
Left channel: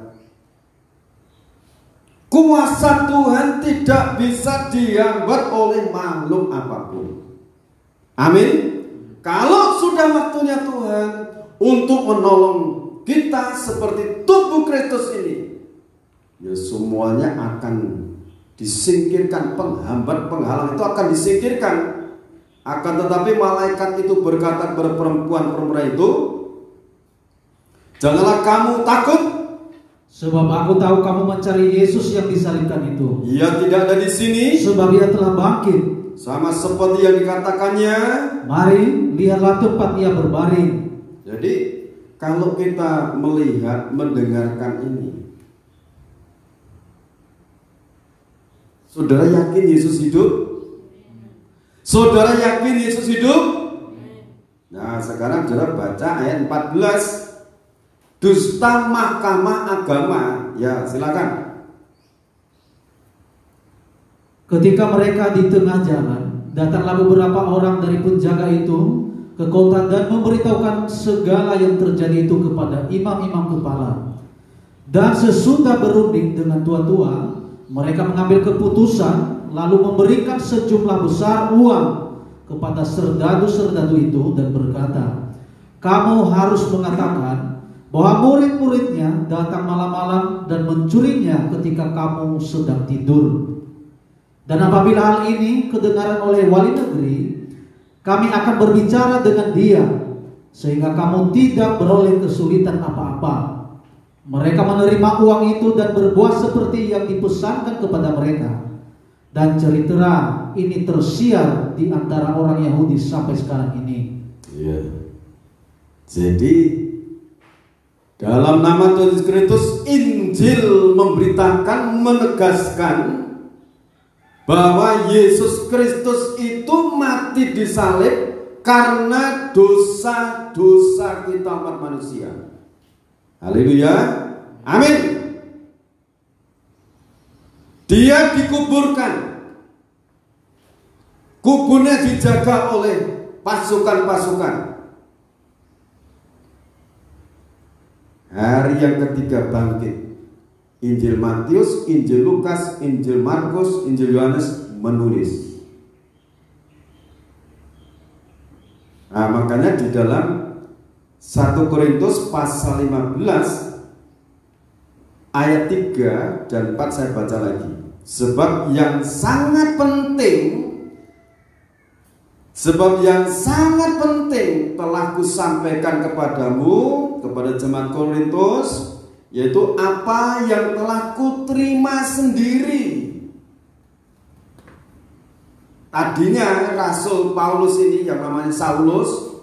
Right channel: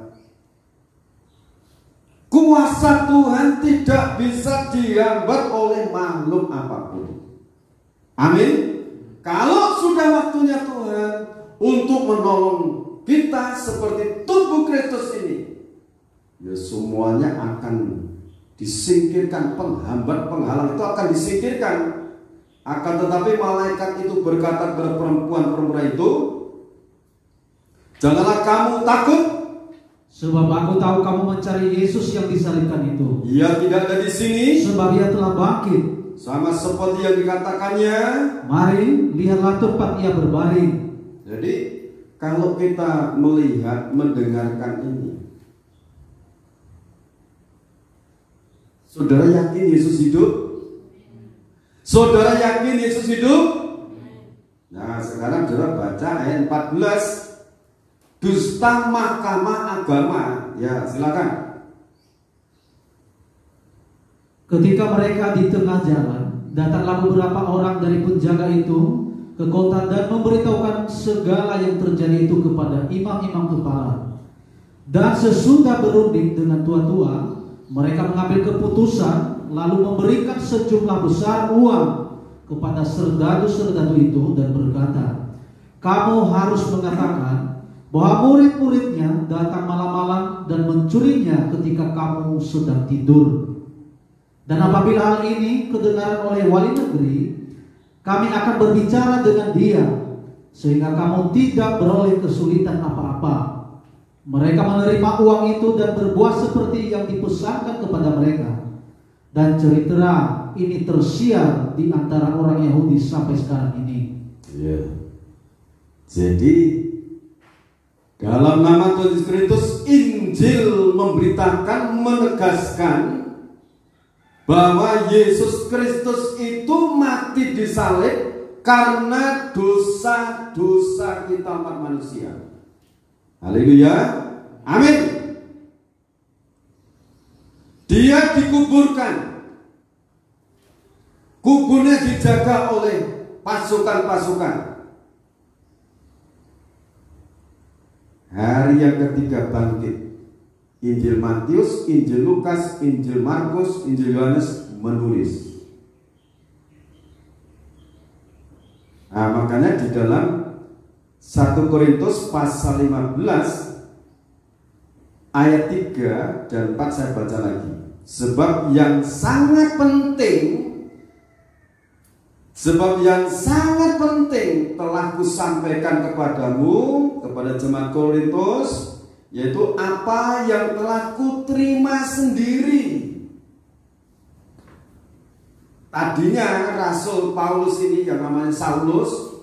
Kuasa Tuhan tidak bisa dihambat oleh makhluk apapun. Amin. Kalau sudah waktunya Tuhan untuk menolong kita seperti tubuh Kristus ini, ya semuanya akan disingkirkan. Penghambat, penghalang itu akan disingkirkan. Akan tetapi malaikat itu berkata kepada perempuan itu, janganlah kamu takut, sebab aku tahu kamu mencari Yesus yang disalibkan itu. Ia tidak ada di sini, sebab ia telah bangkit, sama seperti yang dikatakannya. Mari, lihatlah tempat ia berbaring. Jadi kalau kita melihat, mendengarkan ini, saudara yakin Yesus hidup? Saudara yakin Yesus hidup? Nah, sekarang saudara baca ayat 14. Dusta mahkamah agama. Ya, silakan. Ketika mereka di tengah jalan, datanglah beberapa orang dari penjaga itu ke kota dan memberitahukan segala yang terjadi itu kepada imam-imam kepala. Dan sesudah berunding dengan tua-tua, mereka mengambil keputusan lalu memberikan sejumlah besar uang kepada serdadu-serdadu itu dan berkata, kamu harus mengatakan bahwa murid-muridnya datang malam-malam dan mencurinya ketika kamu sedang tidur. Dan apabila hal ini kedengaran oleh wali negeri, kami akan berbicara dengan dia sehingga kamu tidak beroleh kesulitan apa-apa. Mereka menerima uang itu dan berbuat seperti yang dipesankan kepada mereka. Dan ceritalah ini tersiar di antara orang Yahudi sampai sekarang ini. Ya. Jadi dalam nama Tuhan Yesus Kristus, Injil memberitakan, menegaskan bahwa Yesus Kristus itu mati disalib karena dosa-dosa kita umat manusia. Haleluya. Amin. Dia dikuburkan. Kuburnya dijaga oleh pasukan-pasukan. Hari yang ketiga bangkit. Injil Matius, Injil Lukas, Injil Markus, Injil Yohanes menulis. Nah, makanya di dalam 1 Korintus pasal 15 ayat 3 dan 4 saya baca lagi. Sebab yang sangat penting telah kusampaikan kepadamu, kepada jemaat Korintus, yaitu apa yang telah kuterima sendiri. Tadinya Rasul Paulus ini yang namanya Saulus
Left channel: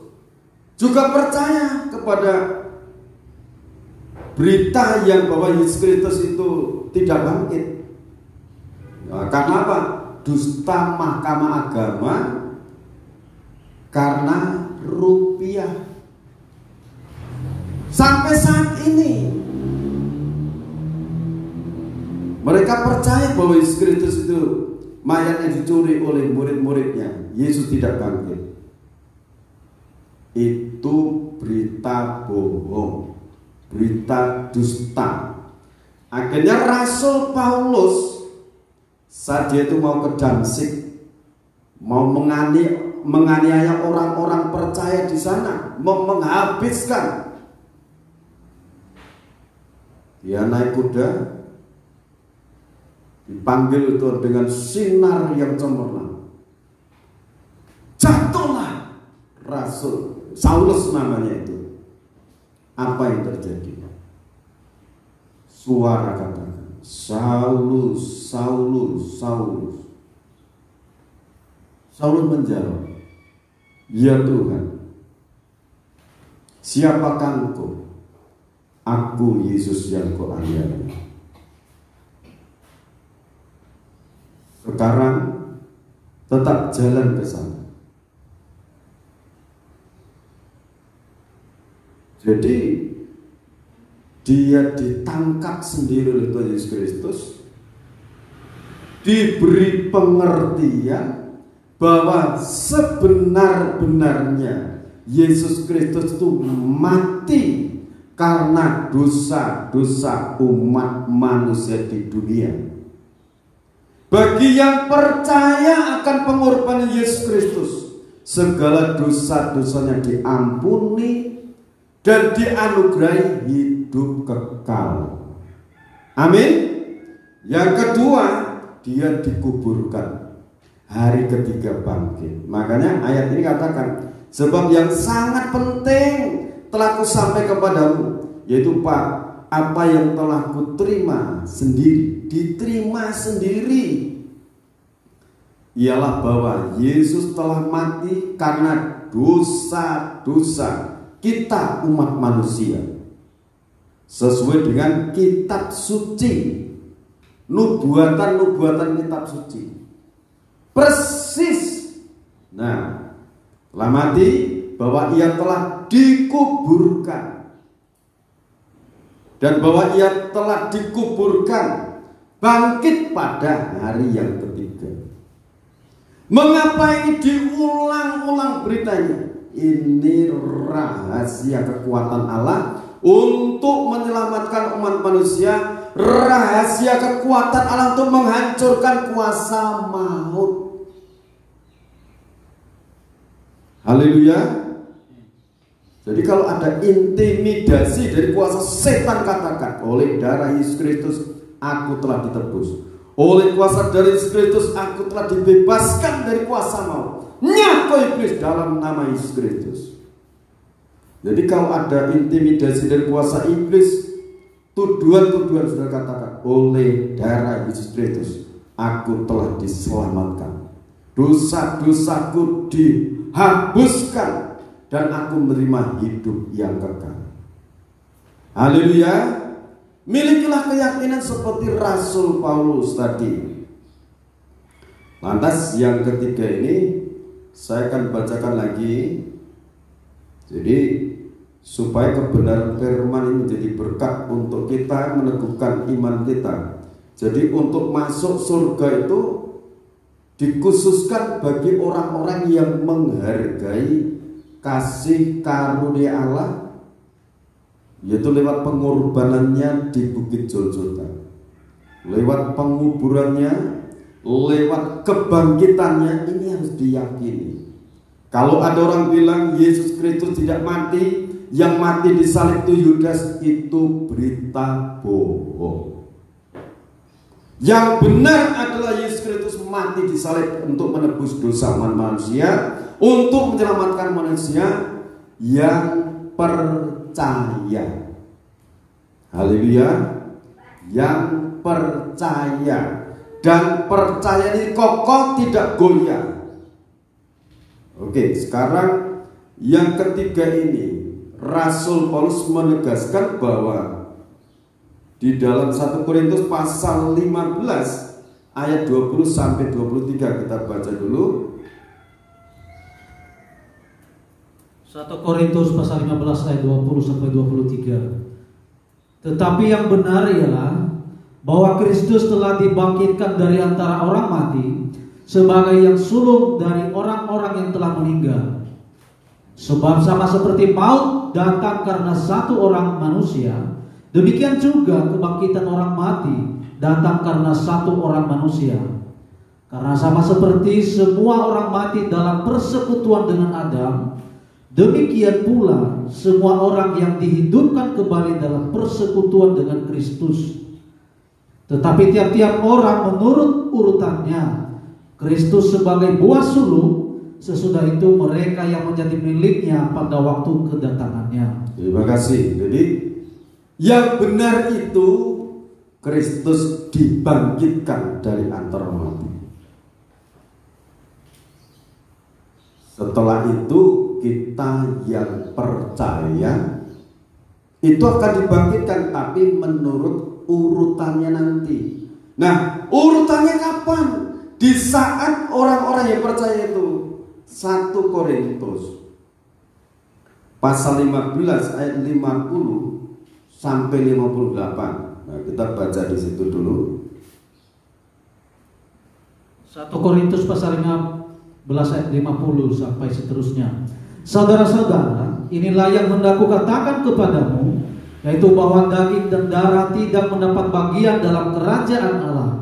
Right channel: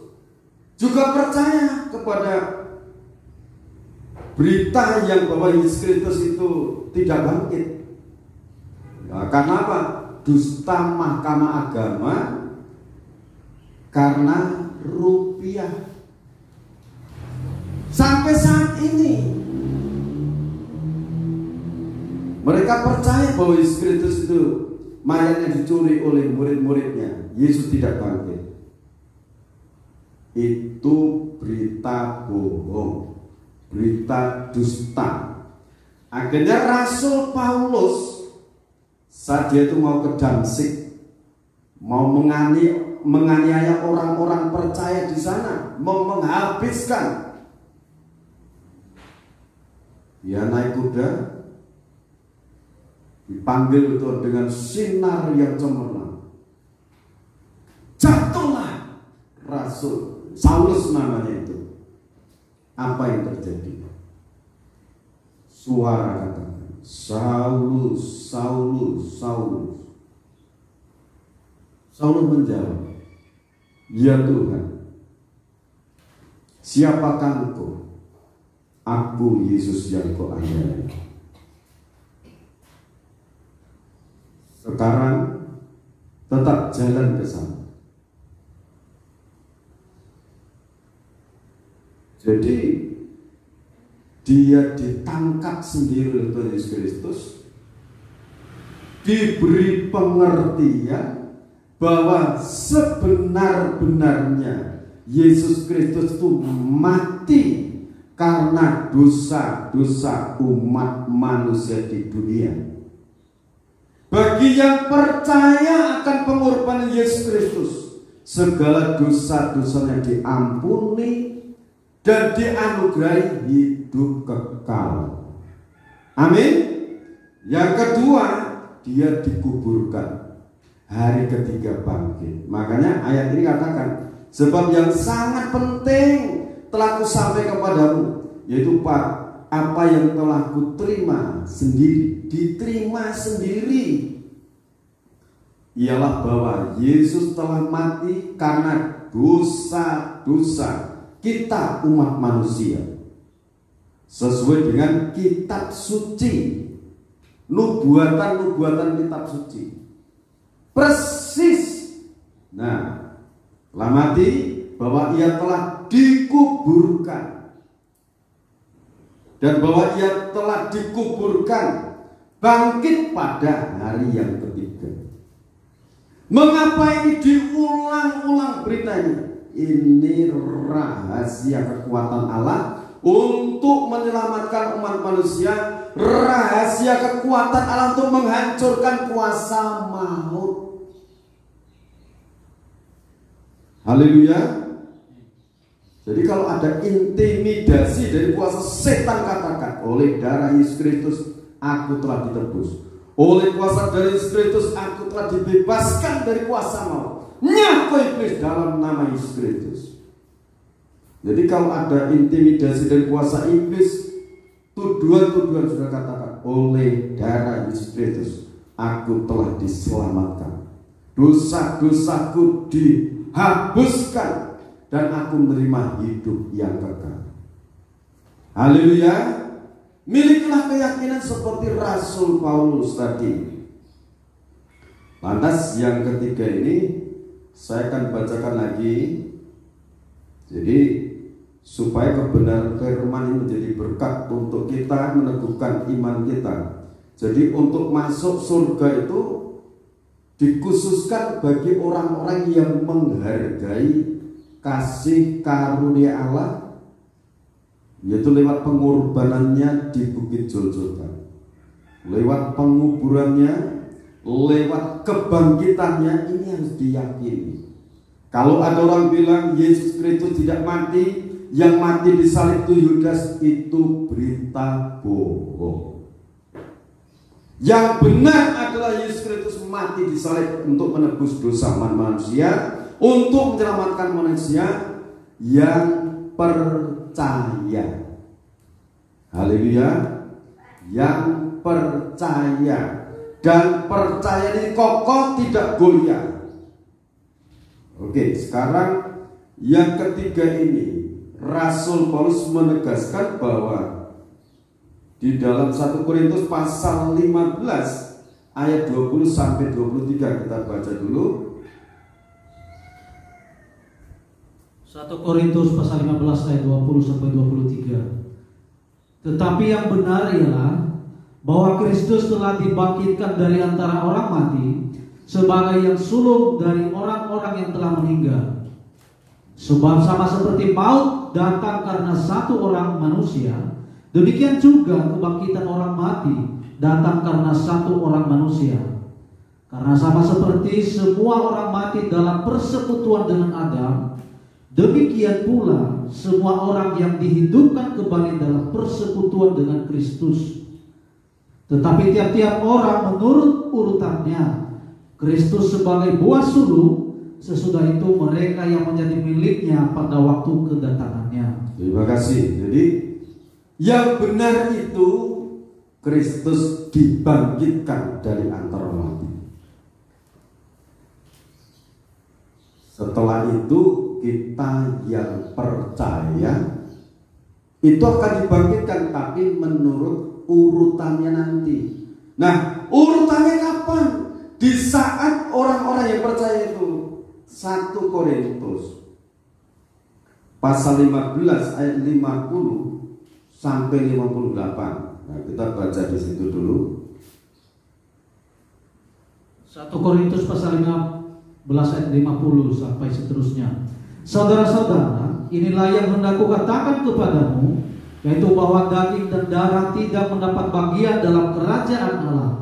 juga percaya kepada berita yang bahwa Yesus Kristus itu tidak bangkit. Nah, karena apa? Dusta mahkamah agama karena rupiah. Sampai saat ini mereka percaya bahwa Yesus Kristus itu mayatnya dicuri oleh murid-muridnya. Yesus tidak bangkit. Itu berita bohong, berita dusta. Akhirnya Rasul Paulus saat dia itu mau ke Damsik, mau menganiaya orang-orang percaya di sana, mau menghabiskan. Dia naik kuda, dipanggil Tuhan dengan sinar yang cemerlang. Jatuhlah Rasul Saulus namanya itu. Apa yang terjadi? Suara katakan, Saulus, Saulus, Saulus. Saulus menjawab, ya Tuhan, siapakah engkau? Aku Yesus yang kau aniaya. Sekarang tetap jalan ke sana. Jadi dia ditangkap sendiri oleh Tuhan Yesus Kristus, diberi pengertian bahwa sebenar-benarnya Yesus Kristus itu mati karena dosa-dosa umat manusia di dunia. Bagi yang percaya akan pengorbanan Yesus Kristus, segala dosa-dosanya diampuni dan dianugerahi hidup kekal. Amin. Yang kedua, dia dikuburkan, hari ketiga bangkit. Makanya ayat ini katakan, sebab yang sangat penting telah kusampaikan kepadamu, yaitu apa yang telah kuterima sendiri, diterima sendiri, ialah bahwa Yesus telah mati karena dosa-dosa kita umat manusia, sesuai dengan kitab suci, nubuatan kitab suci, persis. Nah, telah mati, bahwa ia telah dikuburkan, dan bahwa ia telah dikuburkan bangkit pada hari yang ketiga. Mengapa ini diulang-ulang beritanya? Ini rahasia kekuatan Allah untuk menyelamatkan umat manusia, rahasia kekuatan Allah untuk menghancurkan kuasa maut. Haleluya. Jadi kalau ada intimidasi dari kuasa setan, katakan, oleh darah Yesus Kristus aku telah ditebus. Oleh kuasa dari Yesus Kristus aku telah dibebaskan dari kuasa maut. Nyaku iblis dalam nama Yesus Kristus. Jadi kalau ada intimidasi dari kuasa iblis, tuduhan-tuduhan sudah katakan, oleh darah Yesus Kristus aku telah diselamatkan, dosa-dosaku dihapuskan, dan aku menerima hidup yang kekal. Haleluya. Milikilah keyakinan seperti Rasul Paulus tadi. Lantas yang ketiga ini saya akan bacakan lagi. Jadi supaya kebenaran firman ini menjadi berkat untuk kita meneguhkan iman kita. Jadi untuk masuk surga itu dikhususkan bagi orang-orang yang menghargai kasih karunia Allah, yaitu lewat pengorbanannya di Bukit Golgota, lewat penguburannya, lewat kebangkitannya. Ini harus diyakini. Kalau ada orang bilang Yesus Kristus tidak mati, yang mati di salib itu Yudas, itu berita bohong. Yang benar adalah Yesus Kristus mati di salib untuk menebus dosa manusia, untuk menyelamatkan manusia yang percaya. Haleluya. Yang percaya, dan percaya ini kokoh, tidak goyah. Oke, sekarang yang ketiga ini Rasul Paulus menegaskan bahwa di dalam 1 Korintus pasal 15 ayat 20 sampai 23, kita baca dulu. 1 Korintus pasal 15 ayat 20 sampai 23. Tetapi yang benar ialah bahwa Kristus telah dibangkitkan dari antara orang mati sebagai yang sulung dari orang-orang yang telah meninggal. Sebab sama seperti maut datang karena satu orang manusia, demikian juga kebangkitan orang mati datang karena satu orang manusia. Karena sama seperti semua orang mati dalam persekutuan dengan Adam, demikian pula semua orang yang dihidupkan kembali dalam persekutuan dengan Kristus. Tetapi tiap-tiap orang menurut urutannya. Kristus sebagai buah sulung, sesudah itu mereka yang menjadi miliknya pada waktu kedatangannya. Terima kasih. Jadi yang benar itu Kristus dibangkitkan dari antara mati. Setelah itu kita yang percaya itu akan dibangkitkan, tapi menurut urutannya nanti. Nah, urutannya kapan? Di saat orang-orang yang percaya itu. 1 Korintus pasal 15 ayat 50 sampai 58. Nah, kita baca di situ dulu. 1 Korintus pasal 15 ayat 50 sampai seterusnya. Saudara-saudara, inilah yang hendak kukatakan kepadamu, yaitu bahwa daging dan darah tidak mendapat bagian dalam kerajaan Allah,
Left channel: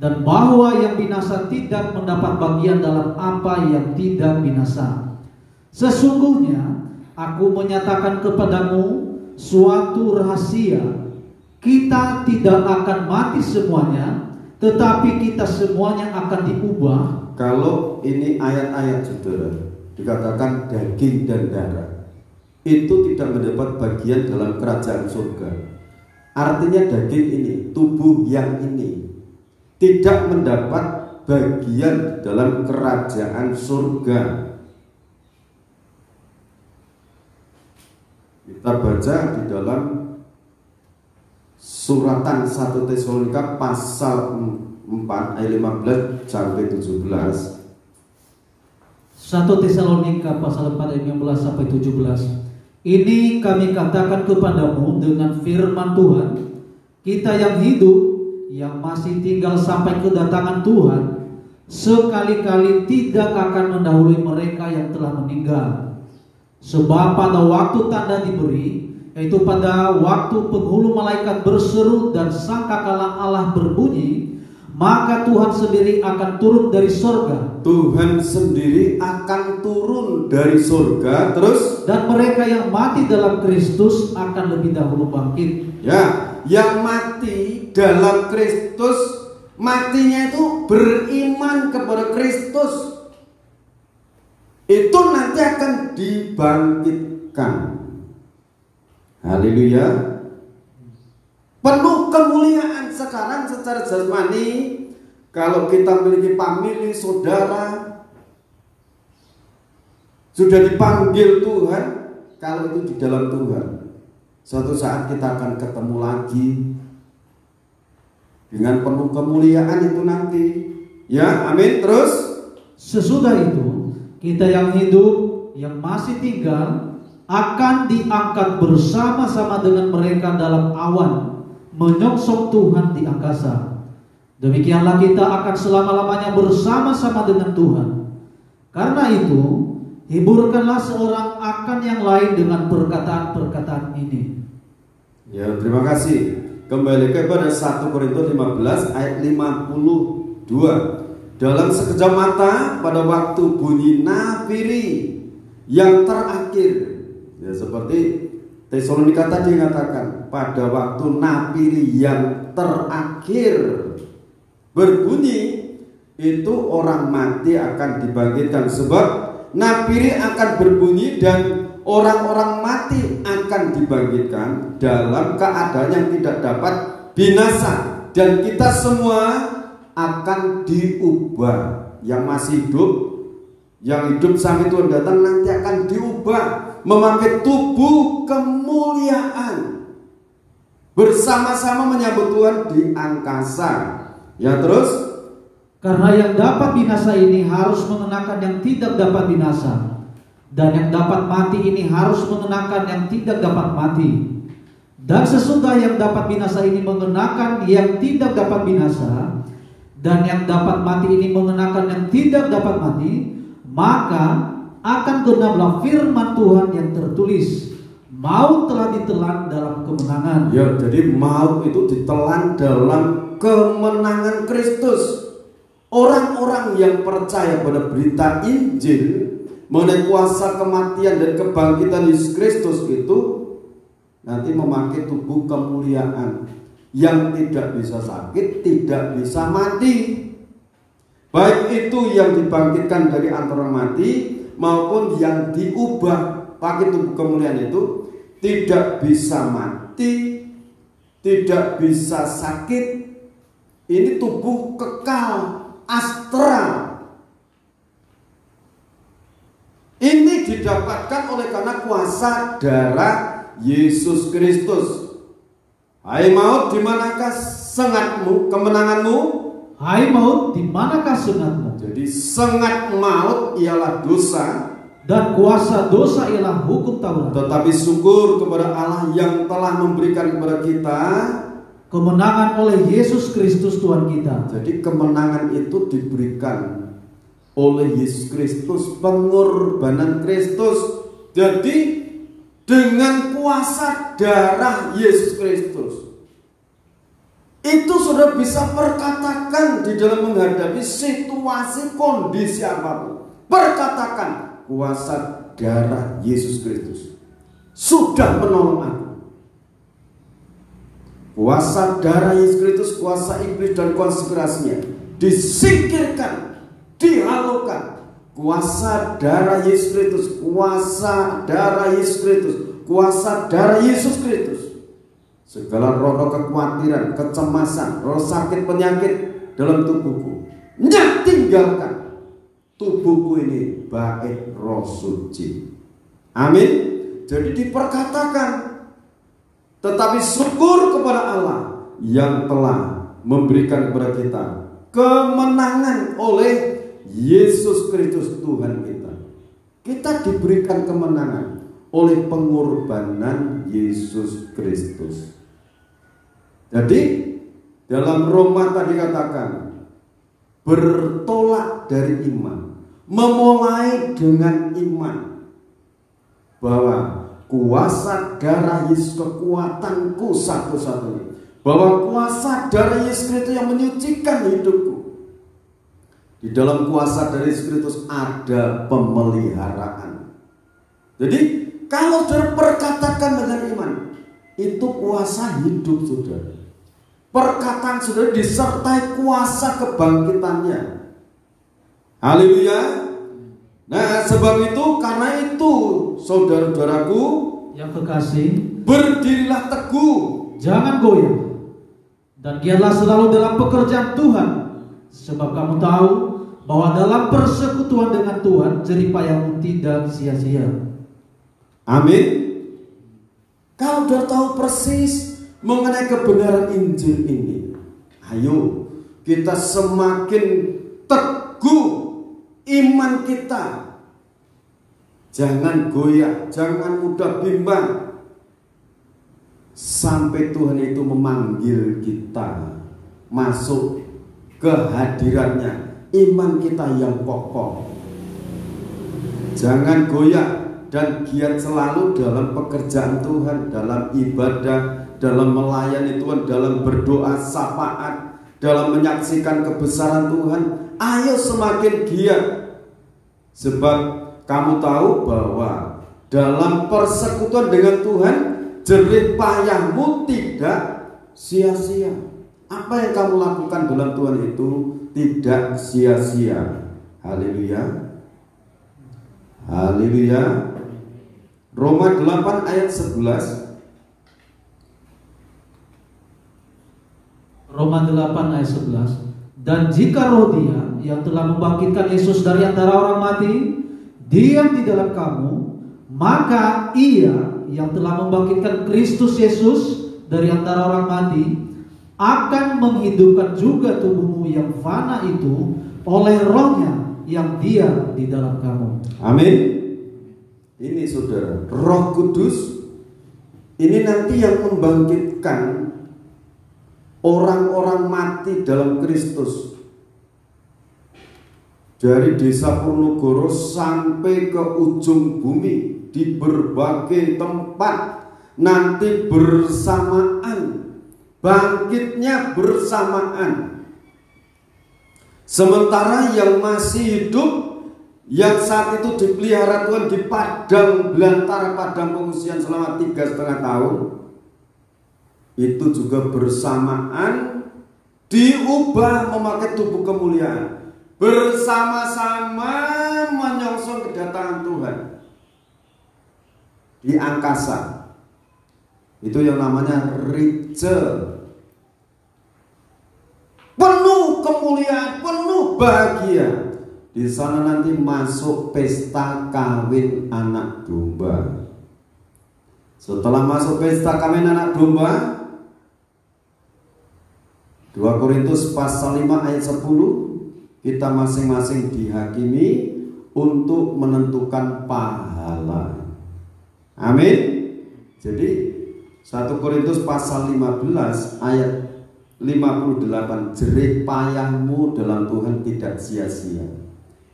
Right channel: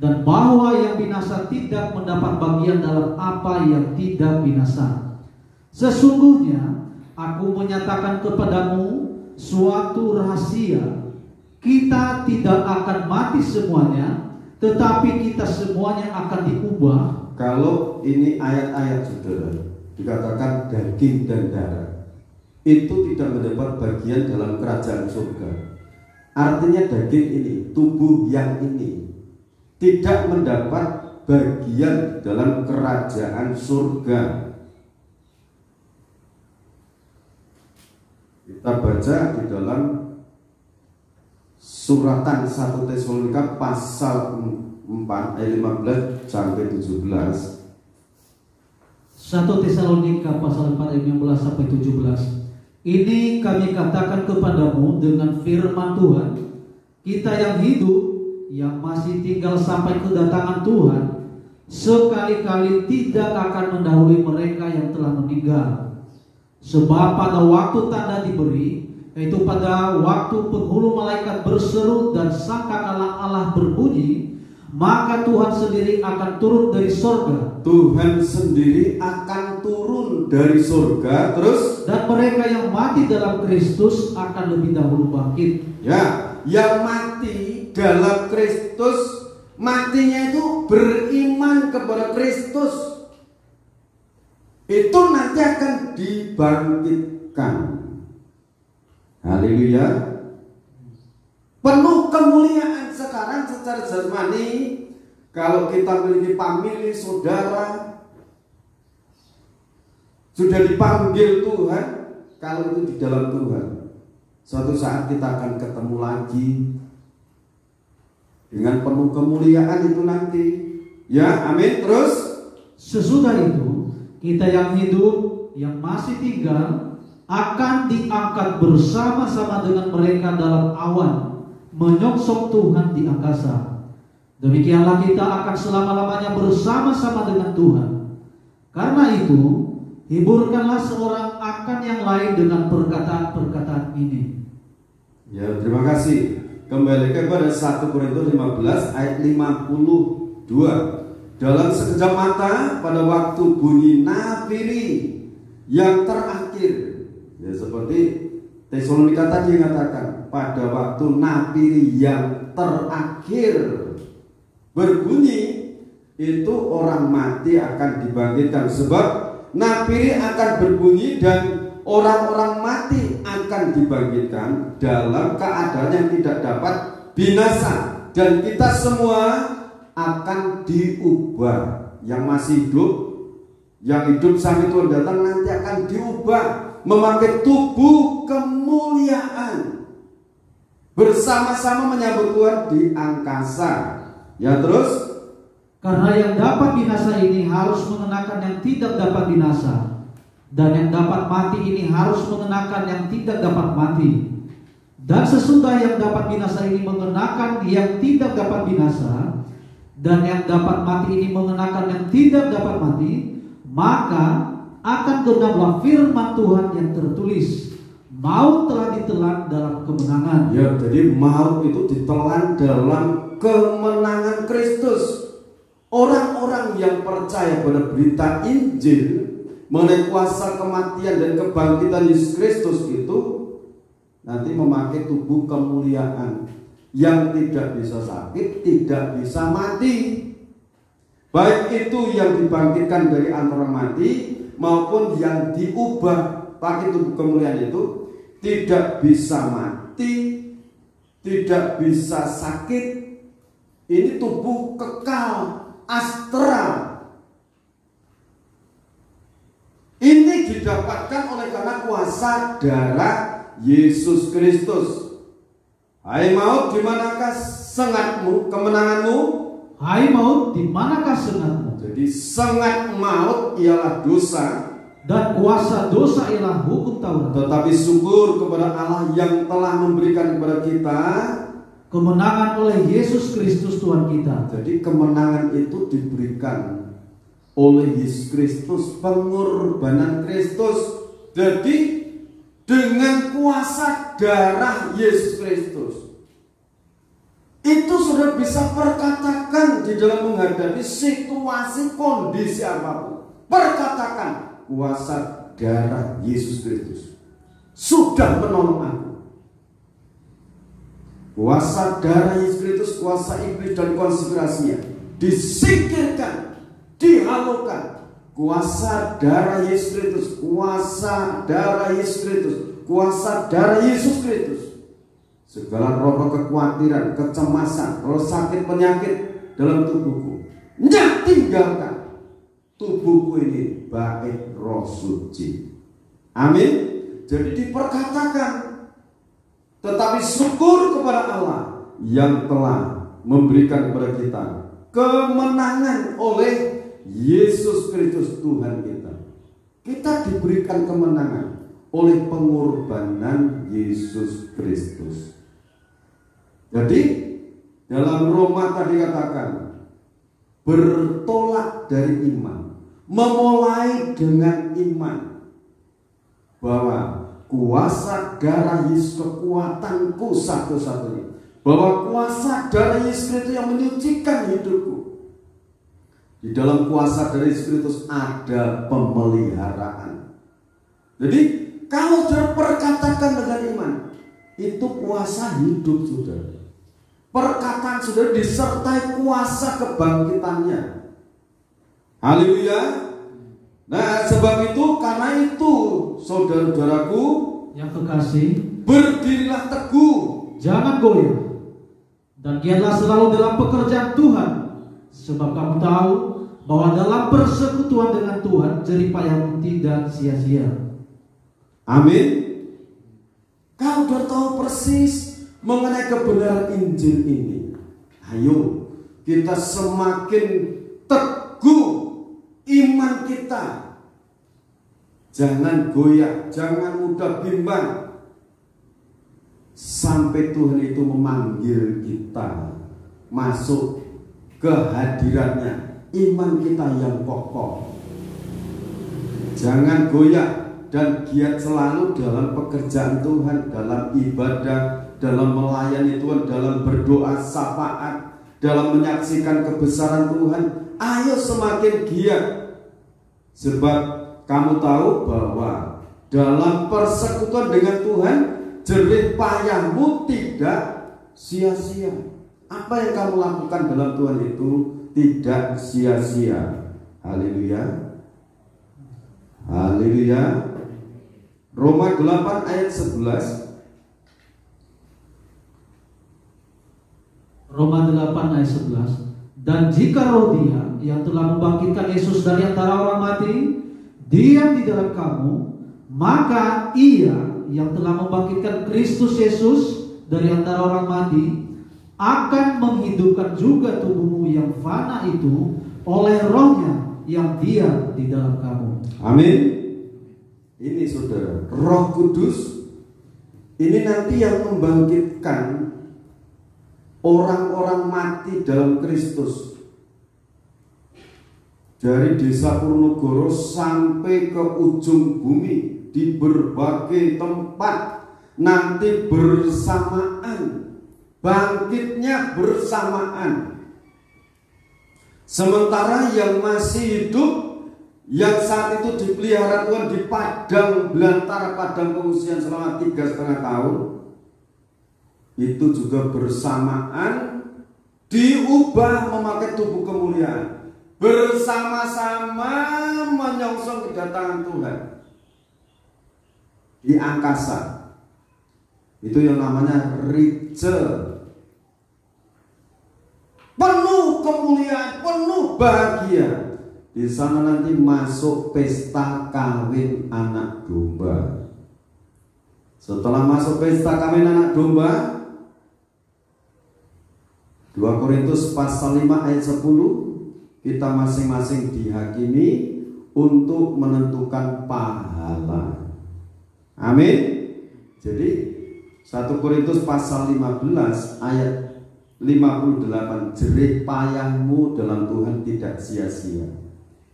dan bahwa yang binasa tidak mendapat bagian dalam apa yang tidak binasa. Sesungguhnya aku menyatakan kepadamu suatu rahasia, kita tidak akan mati semuanya, tetapi kita semuanya akan diubah. Kalau ini ayat-ayat saudara, dikatakan daging dan darah itu tidak mendapat bagian dalam kerajaan surga. Artinya daging ini, tubuh yang ini tidak mendapat bagian dalam kerajaan surga. Kita baca di dalam suratan 1 Tesalonika pasal 4 ayat 15 sampai 17. 1 Tesalonika pasal 4 ayat 15 sampai 17. Ini kami katakan kepadamu dengan firman Tuhan, kita yang hidup, yang masih tinggal sampai kedatangan Tuhan, sekali-kali tidak akan mendahului mereka yang telah meninggal. Sebab pada waktu tanda diberi, yaitu pada waktu penghulu malaikat berseru dan sangkakala Allah berbunyi, maka Tuhan sendiri akan turun dari surga. Tuhan sendiri akan turun dari surga, terus dan mereka yang mati dalam Kristus akan lebih dahulu bangkit. Ya, yang mati dalam Kristus, matinya itu beriman kepada Kristus, itu nanti akan dibangkitkan. Haleluya. Penuh kemuliaan sekarang secara jasmani. Kalau kita memiliki famili, saudara, sudah dipanggil Tuhan, kalau itu di dalam Tuhan, suatu saat kita akan ketemu lagi dengan penuh kemuliaan itu nanti. Ya, amin. Terus sesudah itu kita yang hidup, yang masih tinggal, akan diangkat bersama-sama dengan mereka dalam awan, menyongsong Tuhan di angkasa. Demikianlah kita akan selama-lamanya bersama-sama dengan Tuhan. Karena itu, hiburkanlah seorang akan yang lain dengan perkataan-perkataan ini. Ya, terima kasih. Kembali kepada 1 Korintus 15 ayat 52. Dalam sekejap mata, pada waktu bunyi nafiri yang terakhir, ya seperti Tesalonika tadi katakan, pada waktu nafiri yang terakhir berbunyi, itu orang mati akan dibangkitkan. Sebab nafiri akan berbunyi dan orang-orang mati akan dibangkitkan dalam keadaan yang tidak dapat binasa, dan kita semua akan diubah. Yang masih hidup, yang hidup sampai Tuhan datang, nanti akan diubah memakai tubuh kemuliaan, bersama-sama menyambut Tuhan di angkasa. Ya, terus karena yang dapat binasa ini harus mengenakan yang tidak dapat binasa, dan yang dapat mati ini harus mengenakan yang tidak dapat mati. Dan sesudah yang dapat binasa ini mengenakan yang tidak dapat binasa, dan yang dapat mati ini mengenakan yang tidak dapat mati, maka akan genaplah firman Tuhan yang tertulis, maut telah ditelan dalam kemenangan. Ya, jadi maut itu ditelan dalam kemenangan Kristus. Orang-orang yang percaya pada berita Injil mengenai kuasa kematian dan kebangkitan Yesus Kristus itu nanti memakai tubuh kemuliaan yang tidak bisa sakit, tidak bisa mati. Baik itu yang dibangkitkan dari antara mati maupun yang diubah pakai tubuh kemuliaan itu tidak bisa mati, tidak bisa sakit. Ini tubuh kekal, astral. Ini didapatkan oleh karena kuasa darah Yesus Kristus. Hai maut, di manakah sengatmu, kemenanganmu? Hai maut, di manakah sengatmu? Jadi sengat maut ialah dosa, dan kuasa dosa ialah hukum Taurat. Tetapi syukur kepada Allah yang telah memberikan kepada kita kemenangan oleh Yesus Kristus Tuhan kita. Jadi kemenangan itu diberikan oleh Yesus Kristus, pengorbanan Kristus. Jadi dengan kuasa darah Yesus Kristus itu sudah bisa perkatakan di dalam menghadapi situasi kondisi apapun. Perkatakan kuasa darah Yesus Kristus sudah menolong aku. Kuasa darah Yesus Kristus, kuasa iblis dan konspirasinya disingkirkan, dihalukan. Kuasa darah Yesus Kristus, kuasa darah Yesus Kristus, kuasa darah Yesus Kristus. Segala roh kekhawatiran, kecemasan, roh sakit penyakit dalam tubuhku, nyak tinggalkan. Tubuhku ini bait roh suci. Amin. Jadi diperkatakan. Tetapi syukur kepada Allah yang telah memberikan kepada kita kemenangan oleh Yesus Kristus Tuhan kita. Kita diberikan kemenangan oleh pengorbanan Yesus Kristus. Jadi dalam Roma tadi katakan bertolak dari iman, memulai dengan iman bahwa kuasa darah Yesus kekuatanku satu-satunya, bahwa kuasa darah Yesus Kristus yang menyucikan hidupku. Di dalam kuasa dari Yesus Kristus ada pemeliharaan. Jadi kalau terperkatakan dengan iman, itu kuasa hidup saudara. Perkataan saudara disertai kuasa kebangkitannya. Haleluya. Nah sebab itu, karena itu saudara-saudaraku yang kekasih, berdirilah teguh, jangan goyah, dan giatlah selalu dalam pekerjaan Tuhan, sebab kamu tahu bahwa dalam persekutuan dengan Tuhan jerih payahmu tidak sia-sia. Amin. Kau sudah tahu persis mengenai kebenaran Injil ini. Ayo kita semakin teguh iman kita. Jangan goyah, jangan mudah bimbang, sampai Tuhan itu memanggil kita masuk ke hadiratnya. Iman kita yang kokoh. Jangan goyah dan giat selalu dalam pekerjaan Tuhan, dalam ibadah, dalam melayani Tuhan, dalam berdoa syafaat, dalam menyaksikan kebesaran Tuhan. Ayo semakin giat, sebab kamu tahu bahwa dalam persekutuan dengan Tuhan jerih payahmu tidak sia-sia. Apa yang kamu lakukan dalam Tuhan itu tidak sia-sia. Haleluya. Haleluya. Roma 8 ayat 11. Roma 8 ayat 11. Dan jika roh Dia yang telah membangkitkan Yesus dari antara orang mati diam di dalam kamu, maka Ia yang telah membangkitkan Kristus Yesus dari antara orang mati akan menghidupkan juga tubuhmu yang fana itu oleh Roh-Nya yang diam di dalam kamu. Amin. Ini saudara, Roh Kudus ini nanti yang membangkitkan orang-orang mati dalam Kristus dari desa Ponorogo sampai ke ujung bumi, di berbagai tempat nanti bersamaan, bangkitnya bersamaan. Sementara yang masih hidup, yang saat itu dipelihara Tuhan di padang belantara, padang pengungsian selama 3,5 tahun, itu juga bersamaan diubah memakai tubuh kemuliaan, bersama-sama menyongsong kedatangan Tuhan di angkasa. Itu yang namanya Rachel. Penuh kemuliaan, penuh bahagia. Di sana nanti masuk pesta kawin anak domba. Setelah masuk pesta kawin anak domba, 2 Korintus pasal 5 ayat 10, kita masing-masing dihakimi untuk menentukan pahala. Amin. Jadi 1 Korintus pasal 15 ayat 58, jerih payahmu dalam Tuhan tidak sia-sia.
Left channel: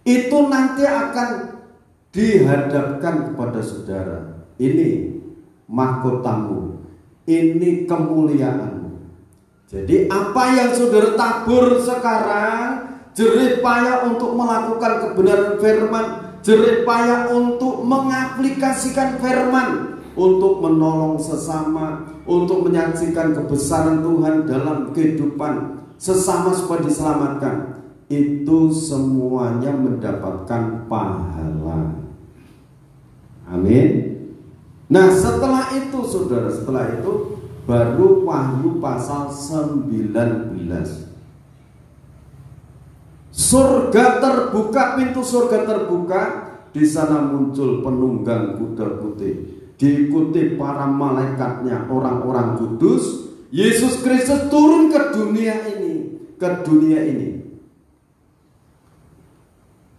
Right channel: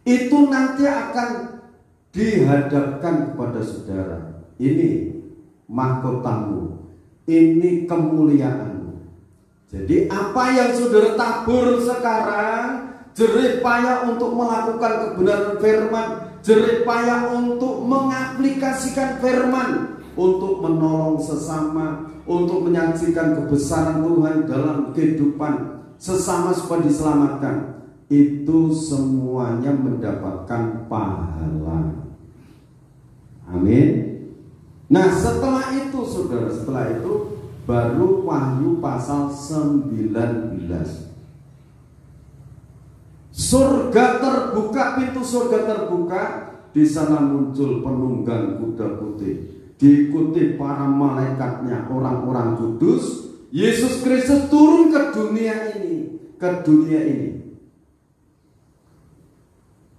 Itu nanti akan dihadapkan kepada saudara. Ini mahkotamu, ini kemuliaanmu. Jadi apa yang saudara tabur sekarang, jerih payah untuk melakukan kebenaran firman, jerih payah untuk mengaplikasikan firman, untuk menolong sesama, untuk menyaksikan kebesaran Tuhan dalam kehidupan sesama supaya diselamatkan. Itu semuanya mendapatkan pahala. Amin. Nah setelah itu saudara, setelah itu baru Wahyu pasal 19. Surga terbuka, pintu surga terbuka. Di sana muncul penunggang kuda putih, diikuti para malaikatnya, orang-orang kudus. Yesus Kristus turun ke dunia ini,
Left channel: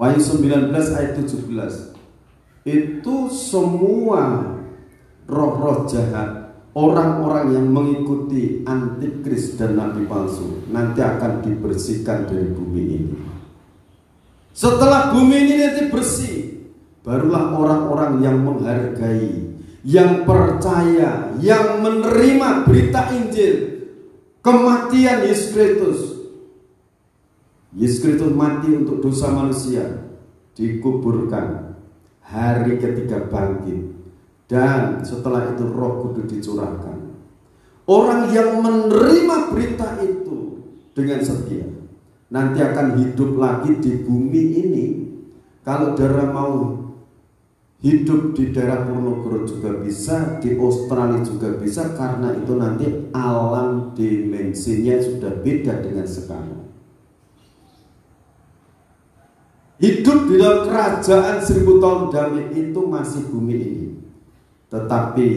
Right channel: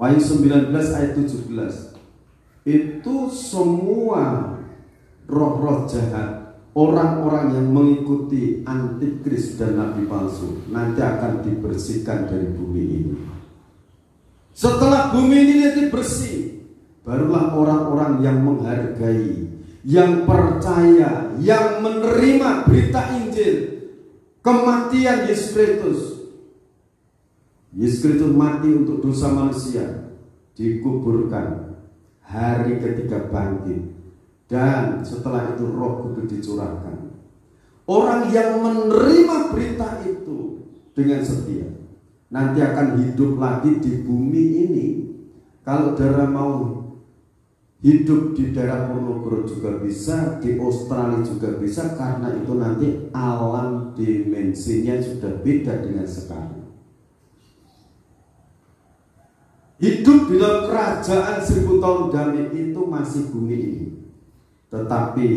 Wahyu 19 ayat 17. Itu semua roh-roh jahat, orang-orang yang mengikuti antikris dan nabi palsu, nanti akan dibersihkan dari bumi ini. Setelah bumi ini nanti bersih, barulah orang-orang yang menghargai, yang percaya, yang menerima berita Injil, kematian Yesus Kristus. Yesus Kristus mati untuk dosa manusia, dikuburkan, hari ketiga bangkit, dan setelah itu Roh Kudus dicurahkan. Orang yang menerima berita itu dengan setia nanti akan hidup lagi di bumi ini. Kalau saudara mau hidup di daerah Ponorogo juga bisa, di Australia juga bisa, karena itu nanti alam dimensinya sudah beda dengan sekarang. Hidup di dalam kerajaan 1000 tahun damai itu masih bumi ini. Tetapi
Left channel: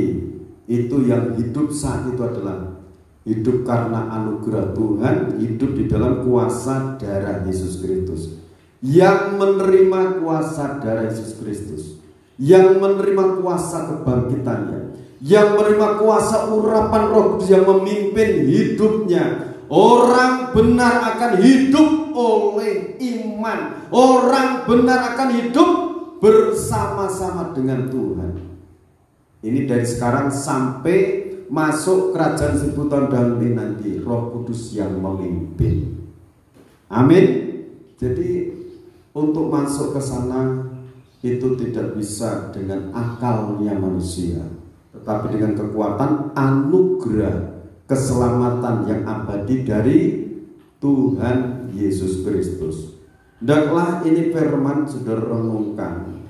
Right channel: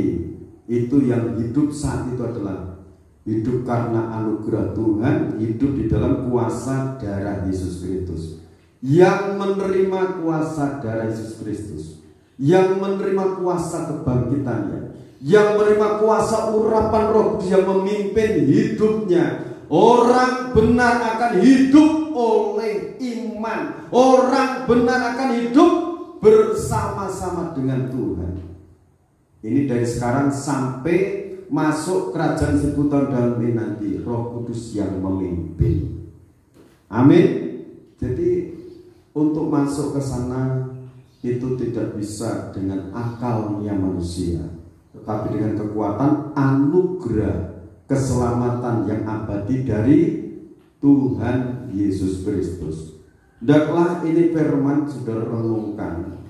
itu yang hidup saat itu adalah hidup karena anugerah Tuhan, hidup di dalam kuasa darah Yesus Kristus. Yang menerima kuasa darah Yesus Kristus, yang menerima kuasa kebangkitannya, yang menerima kuasa urapan Roh Kudus yang memimpin hidupnya. Orang benar akan hidup oleh iman. Orang benar akan hidup bersama-sama dengan Tuhan. Ini dari sekarang sampai masuk kerajaan 1000 tahun damai nanti, Roh Kudus yang memimpin. Amin. Jadi untuk masuk ke sana itu tidak bisa dengan akalnya manusia, tetapi dengan kekuatan anugerah keselamatan yang abadi dari Tuhan Yesus Kristus. Hendaklah ini firman saudara renungkan.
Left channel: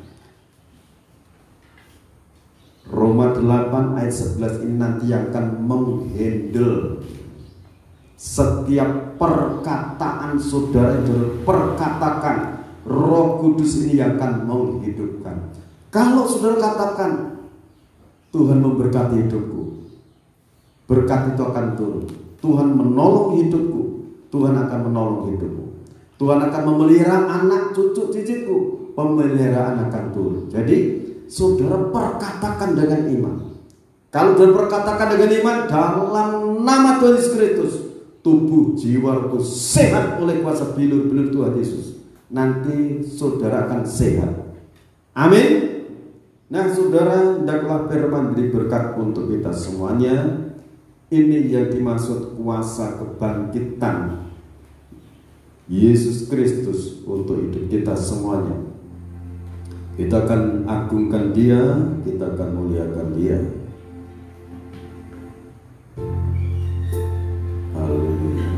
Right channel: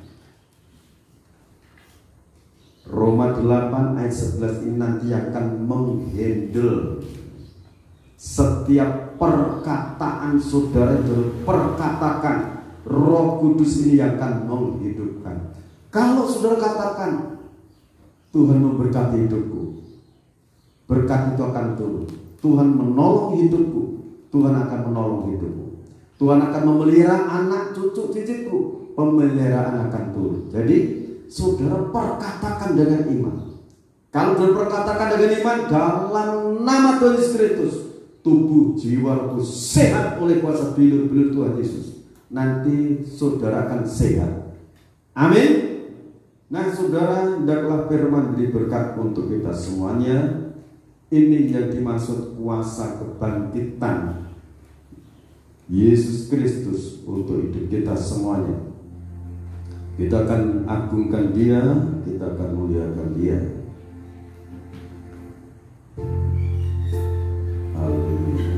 Roma 8 ayat 11 ini nanti akan menghandle setiap perkataan saudara yang perkatakan. Roh Kudus ini akan menghidupkan. Kalau saudara katakan Tuhan memberkati hidupku, berkat itu akan turun. Tuhan menolong hidupku, Tuhan akan menolong hidupku. Tuhan akan memelihara anak cucu cicitku, pemeliharaan akan turun. Jadi saudara perkatakan dengan iman. Kalau saudara perkatakan dengan iman, dalam nama Tuhan Yesus Kristus, tubuh jiwa itu sehat oleh kuasa bilur-bilur Tuhan Yesus. Nanti saudara akan sehat. Amin. Nah saudara, hendaklah firman beri berkat untuk kita semuanya. Ini yang dimaksud kuasa kebangkitan Yesus Kristus untuk hidup kita semuanya. Kita akan agungkan Dia, kita akan muliakan Dia. Haleluya.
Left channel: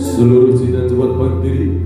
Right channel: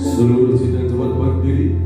Seluruh cinta Tuhan berdiri.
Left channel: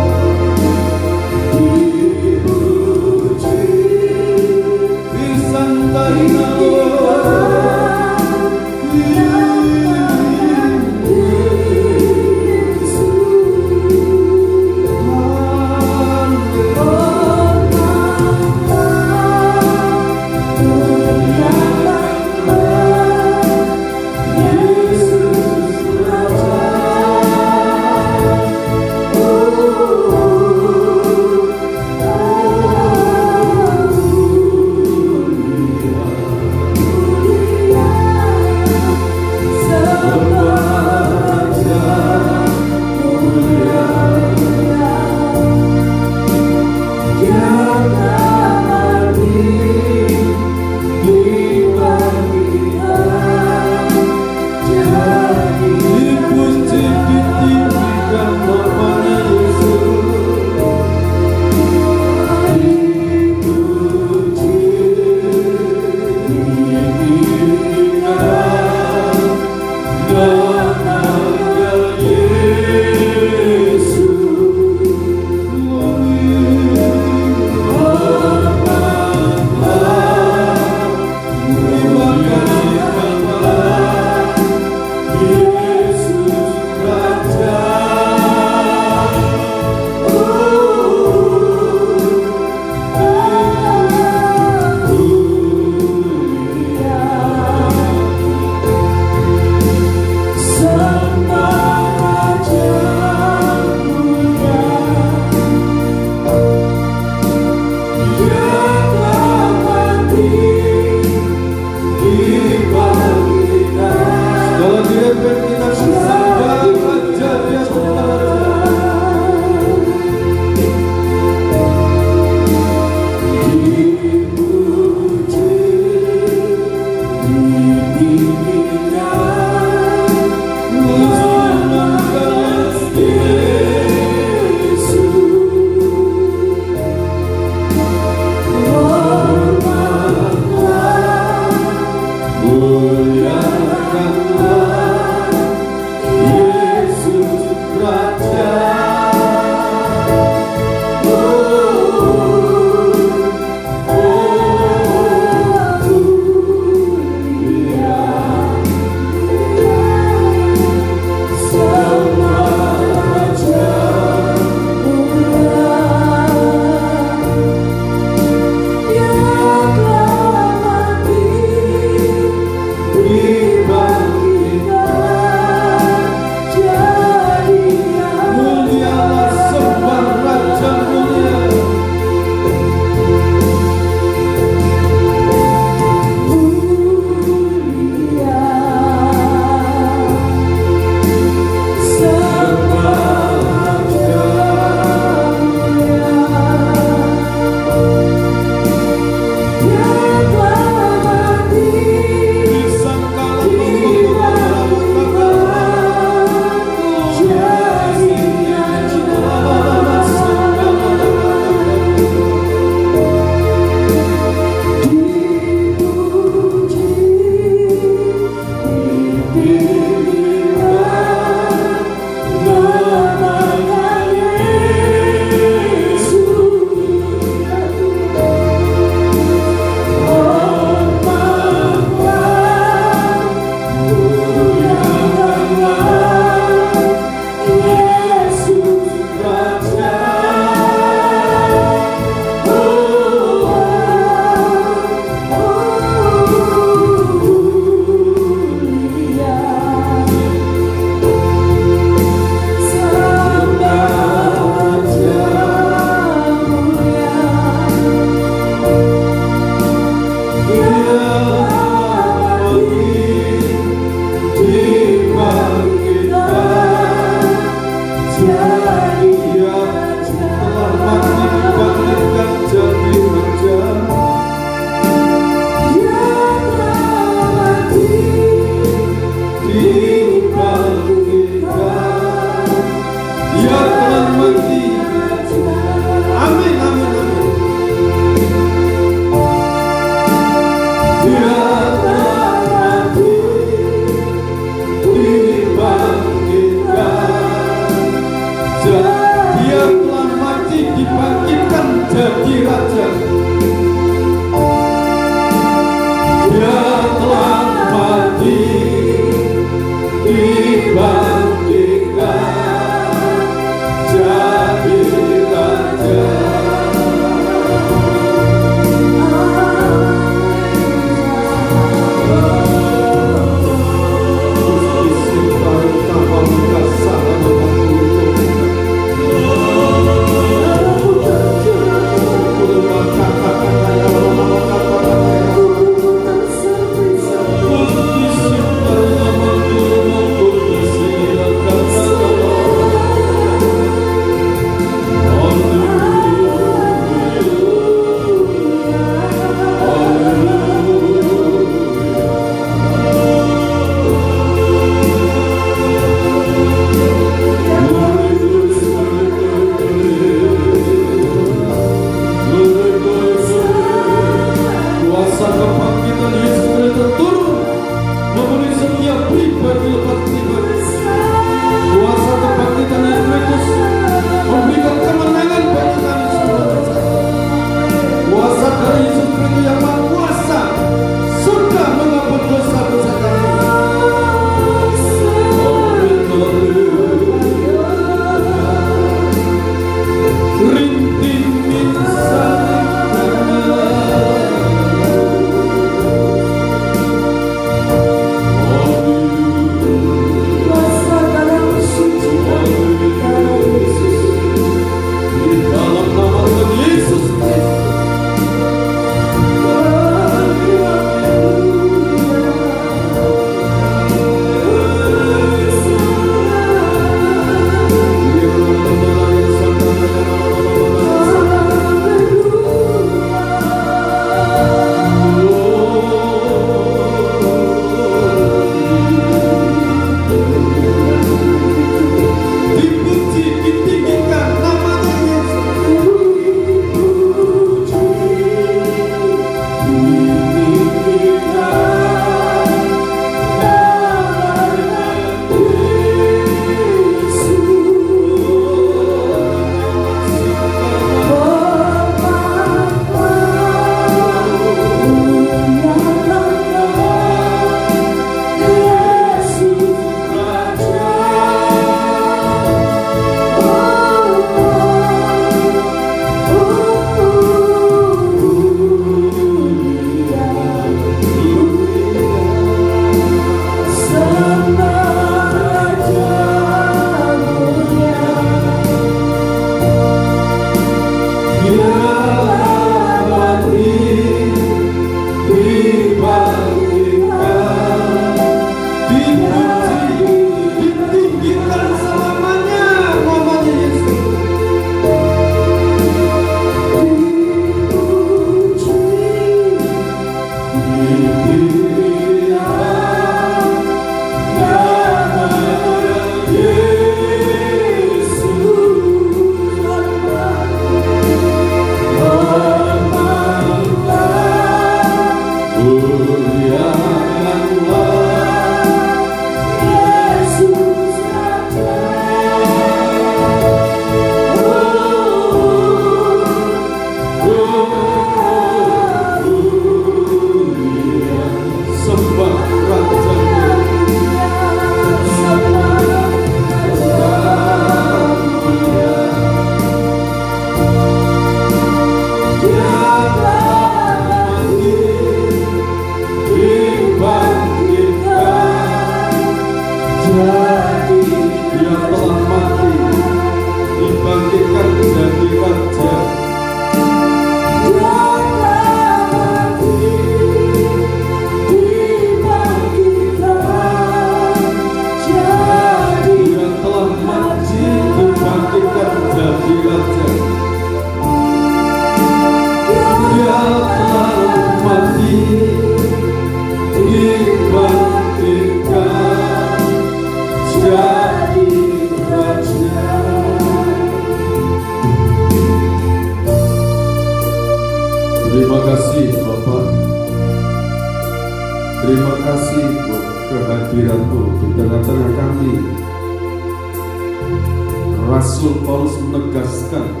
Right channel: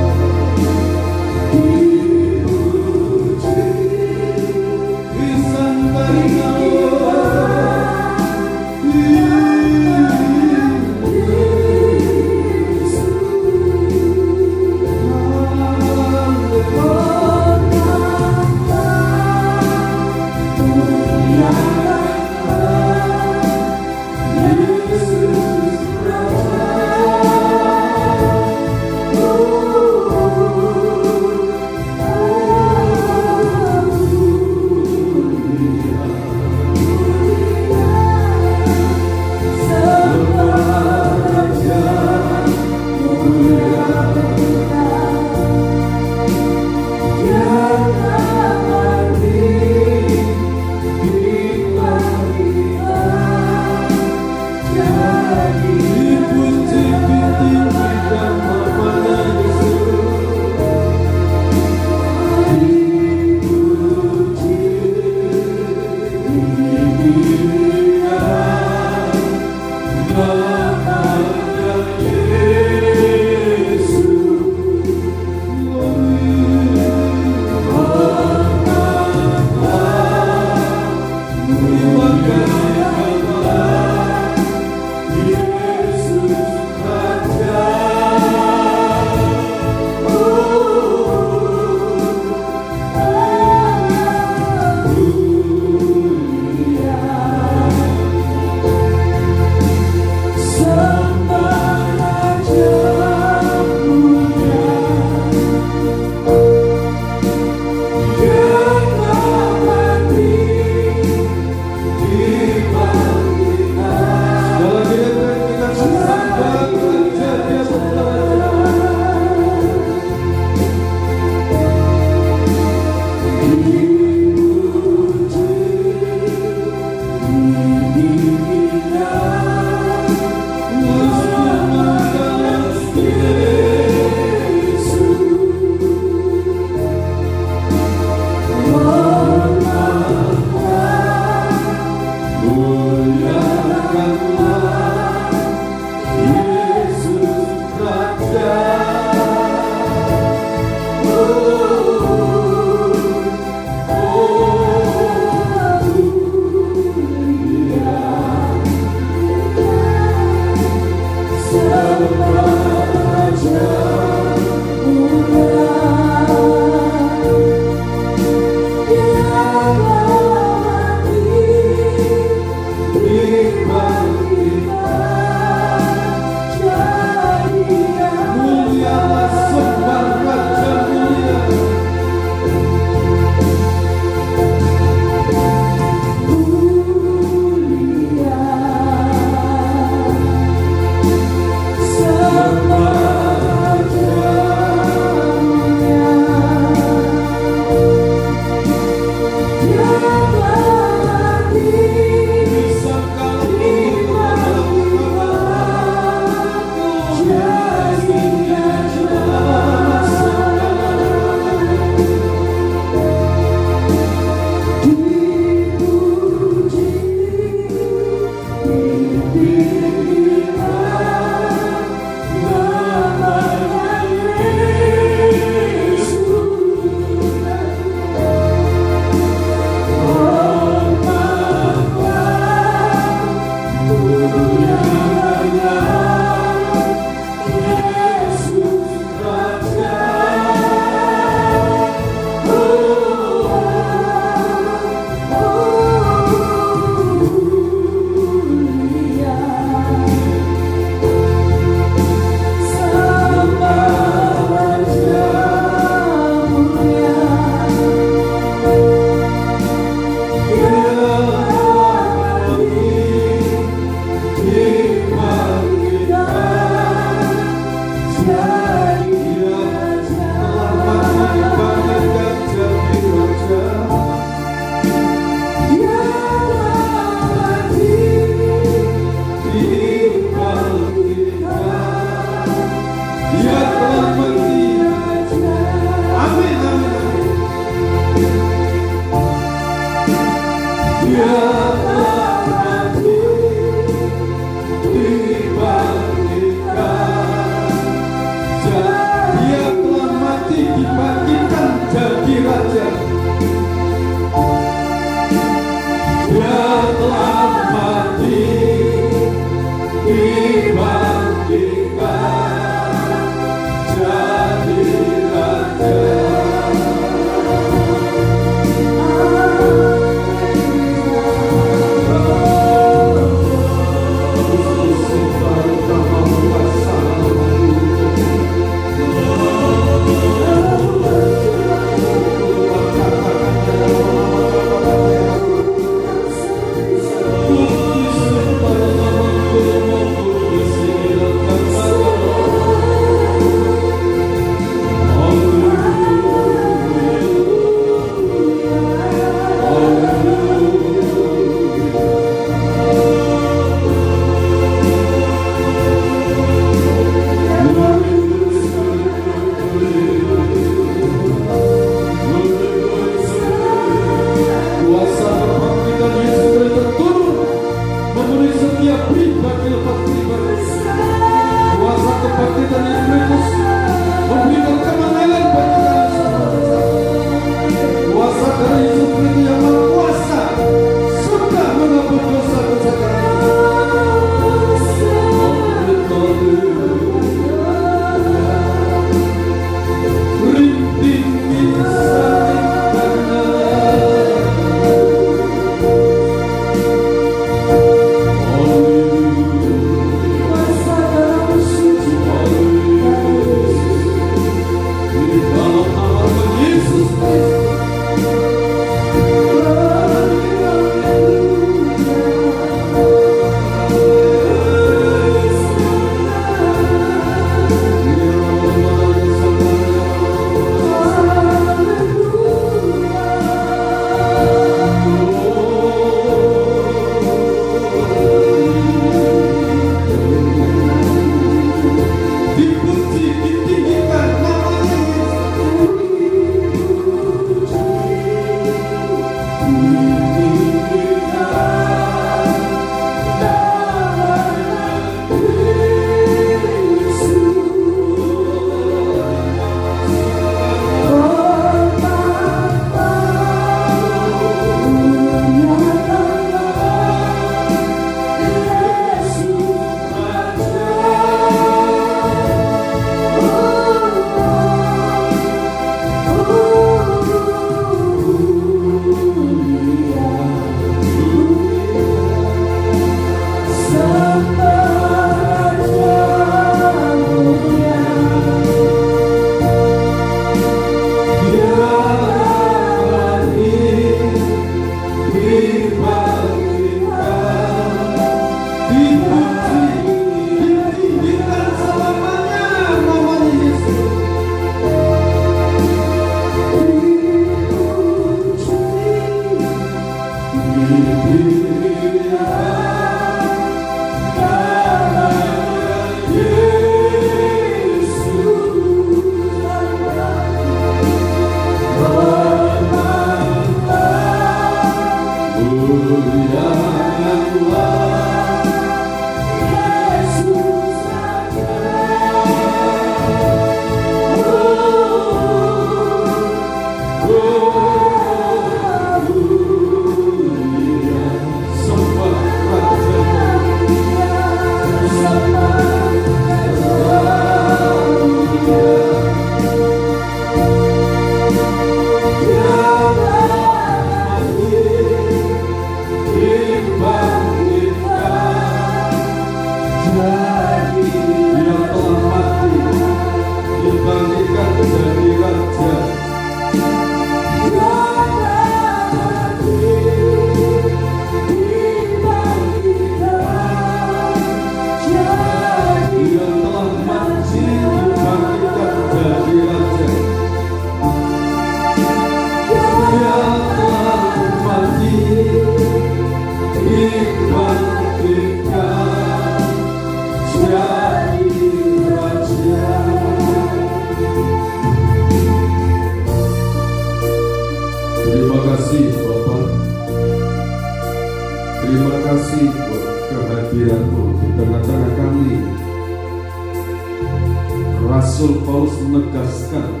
Rasul Paulus menegaskan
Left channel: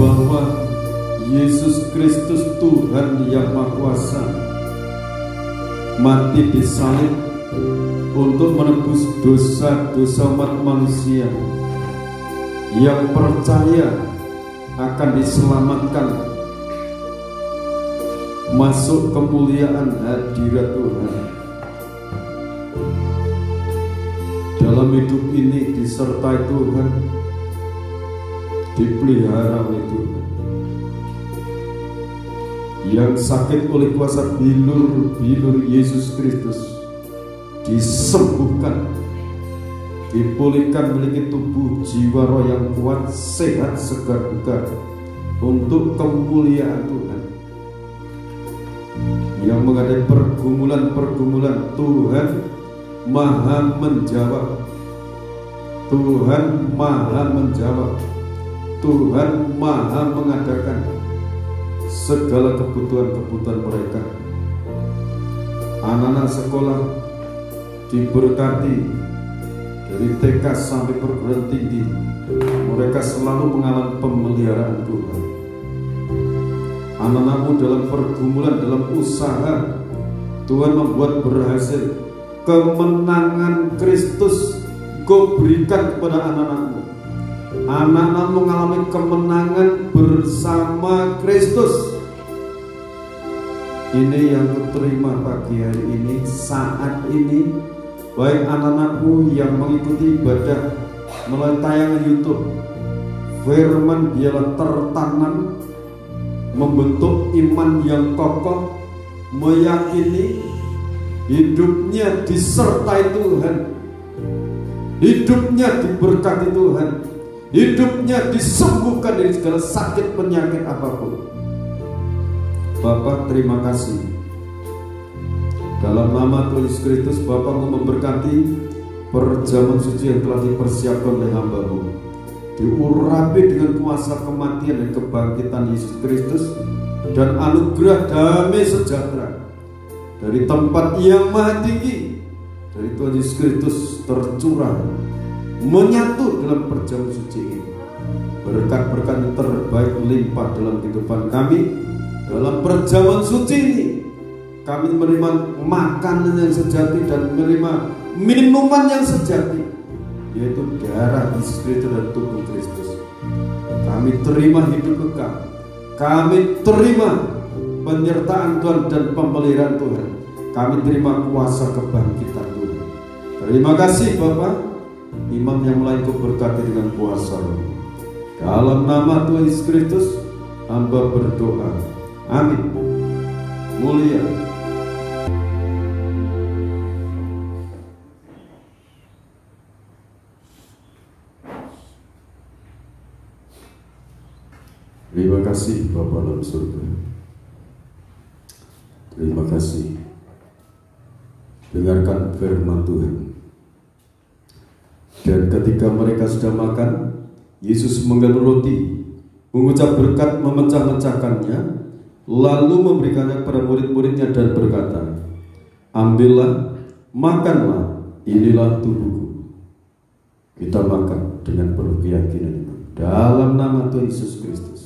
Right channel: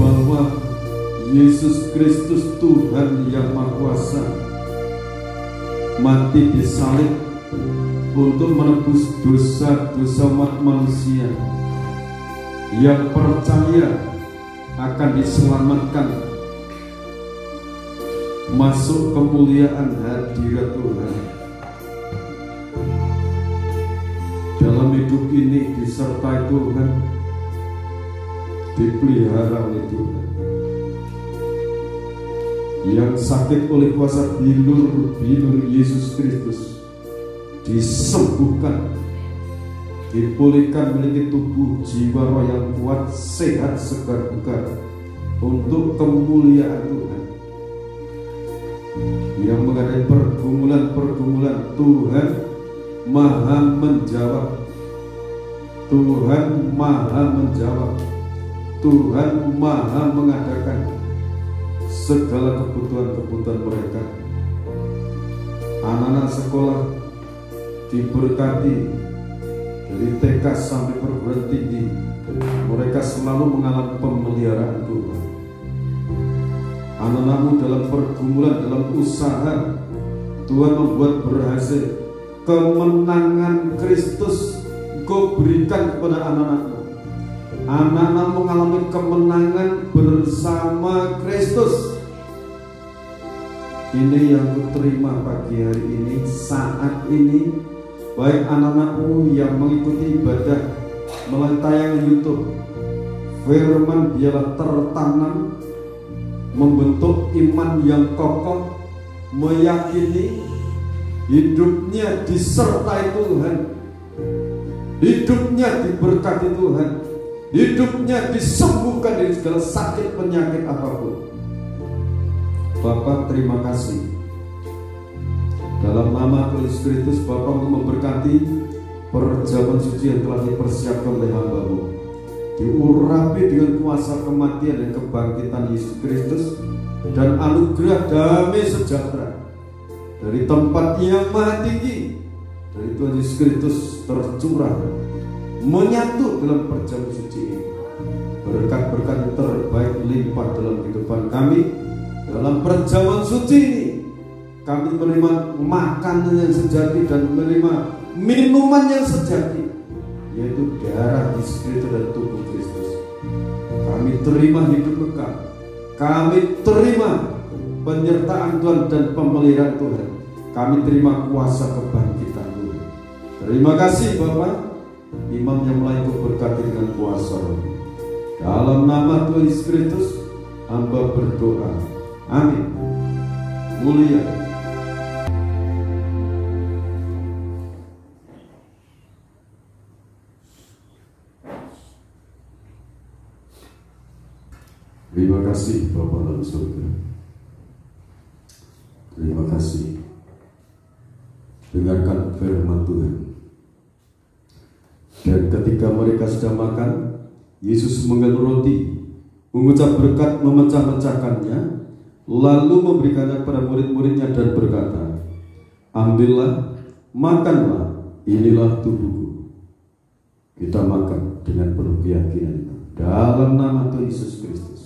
bahwa Yesus Kristus Tuhan yang Maha Kuasa mati di salib untuk menebus dosa-dosa umat manusia yang percaya akan diselamatkan masuk kemuliaan hadirat Tuhan. Dalam hidup ini disertai Tuhan, dipelihara oleh Tuhan. Yang sakit oleh kuasa bilur-bilur Yesus Kristus disembuhkan, dipulihkan, memiliki tubuh jiwa roh yang kuat, sehat, segar bugar untuk kemuliaan Tuhan. Yang menghadapi pergumulan-pergumulan, Tuhan Maha menjawab. Tuhan Maha menjawab. Tuhan Maha mengadakan segala kebutuhan-kebutuhan mereka. Anak-anak sekolah diberkati, dari TK sampai perguruan tinggi, mereka selalu mengalami pemeliharaan Tuhan. Anak-anakmu dalam pergumulan, dalam usaha, Tuhan membuat berhasil. Kemenangan Kristus Kau berikan kepada anak-anakmu. Anak-anakmu mengalami kemenangan bersama Kristus. Ini yang kuterima pagi hari ini, saat ini. Baik anak-anakmu yang mengikuti ibadah melalui tayangan YouTube, firman biarlah tertanam, membentuk iman yang kokoh, meyakini hidupnya disertai Tuhan, hidupnya diberkati Tuhan, hidupnya disembuhkan dari segala sakit penyakit apapun. Bapak terima kasih. Dalam nama Tuhan Yesus Kristus, Bapak memberkati perjamuan suci yang telah dipersiapkan oleh hamba-Mu, diurapi dengan kuasa kematian dan kebangkitan Yesus Kristus, dan anugerah damai sejahtera dari tempat yang maha tinggi dari Tuhan Yesus Kristus tercurah menyatu dalam perjamuan suci ini. Berkat-berkat yang terbaik limpah dalam kehidupan kami. Dalam perjamuan suci ini kami menerima makanan yang sejati dan menerima minuman yang sejati, yaitu darah Yesus Kristus dan tubuh Kristus. Kami terima hidup kekal, kami terima penyertaan Tuhan dan pemeliharaan Tuhan, kami terima kuasa kebangkitan Tuhan. Terima kasih Bapak. Imam yang lain Kau berkati dengan kuasa. Dalam nama Tuhan Yesus Kristus hamba berdoa, amin. Mulia. Terima kasih Bapa dalam surga. Terima kasih. Dengarkan firman Tuhan. Dan ketika mereka sudah makan, Yesus mengambil roti, mengucap berkat, memecah-mecahkannya, lalu memberikannya kepada murid-muridnya dan berkata, ambillah, makanlah, inilah tubuhku. Kita makan dengan penuh keyakinan dalam nama Tuhan Yesus Kristus.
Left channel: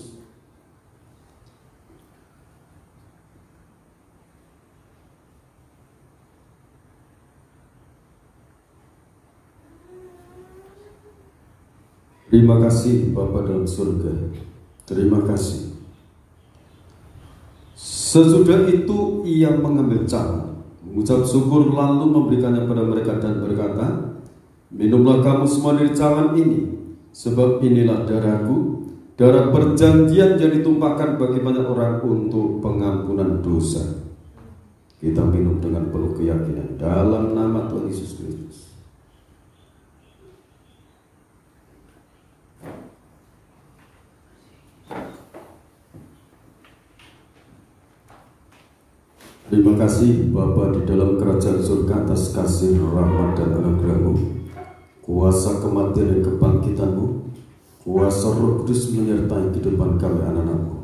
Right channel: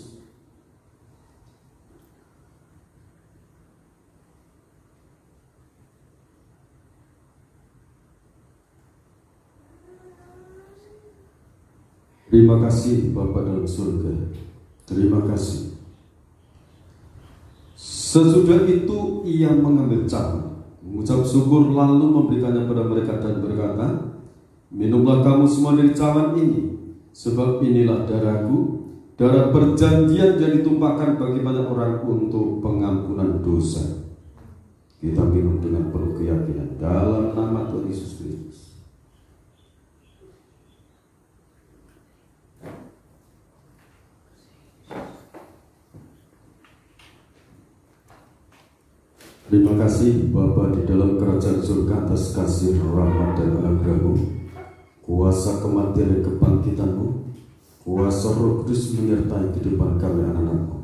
Terima kasih Bapa dalam surga. Terima kasih. Sesudah itu ia mengambil cangkir, mengucap syukur, lalu memberikannya kepada mereka dan berkata, minumlah kamu semua dari cawan ini, sebab inilah darahku, darah perjanjian yang ditumpahkan bagi banyak orang untuk pengampunan dosa. Kita minum dengan penuh keyakinan dalam nama Tuhan Yesus Kristus. Terima kasih Bapa di dalam kerajaan surga atas kasih, rahmat dan anugerah-Mu, kuasa kematian dan kebangkitan-Mu, kuasa Roh Kudus menyertai kehidupan kami anak-anak-Mu.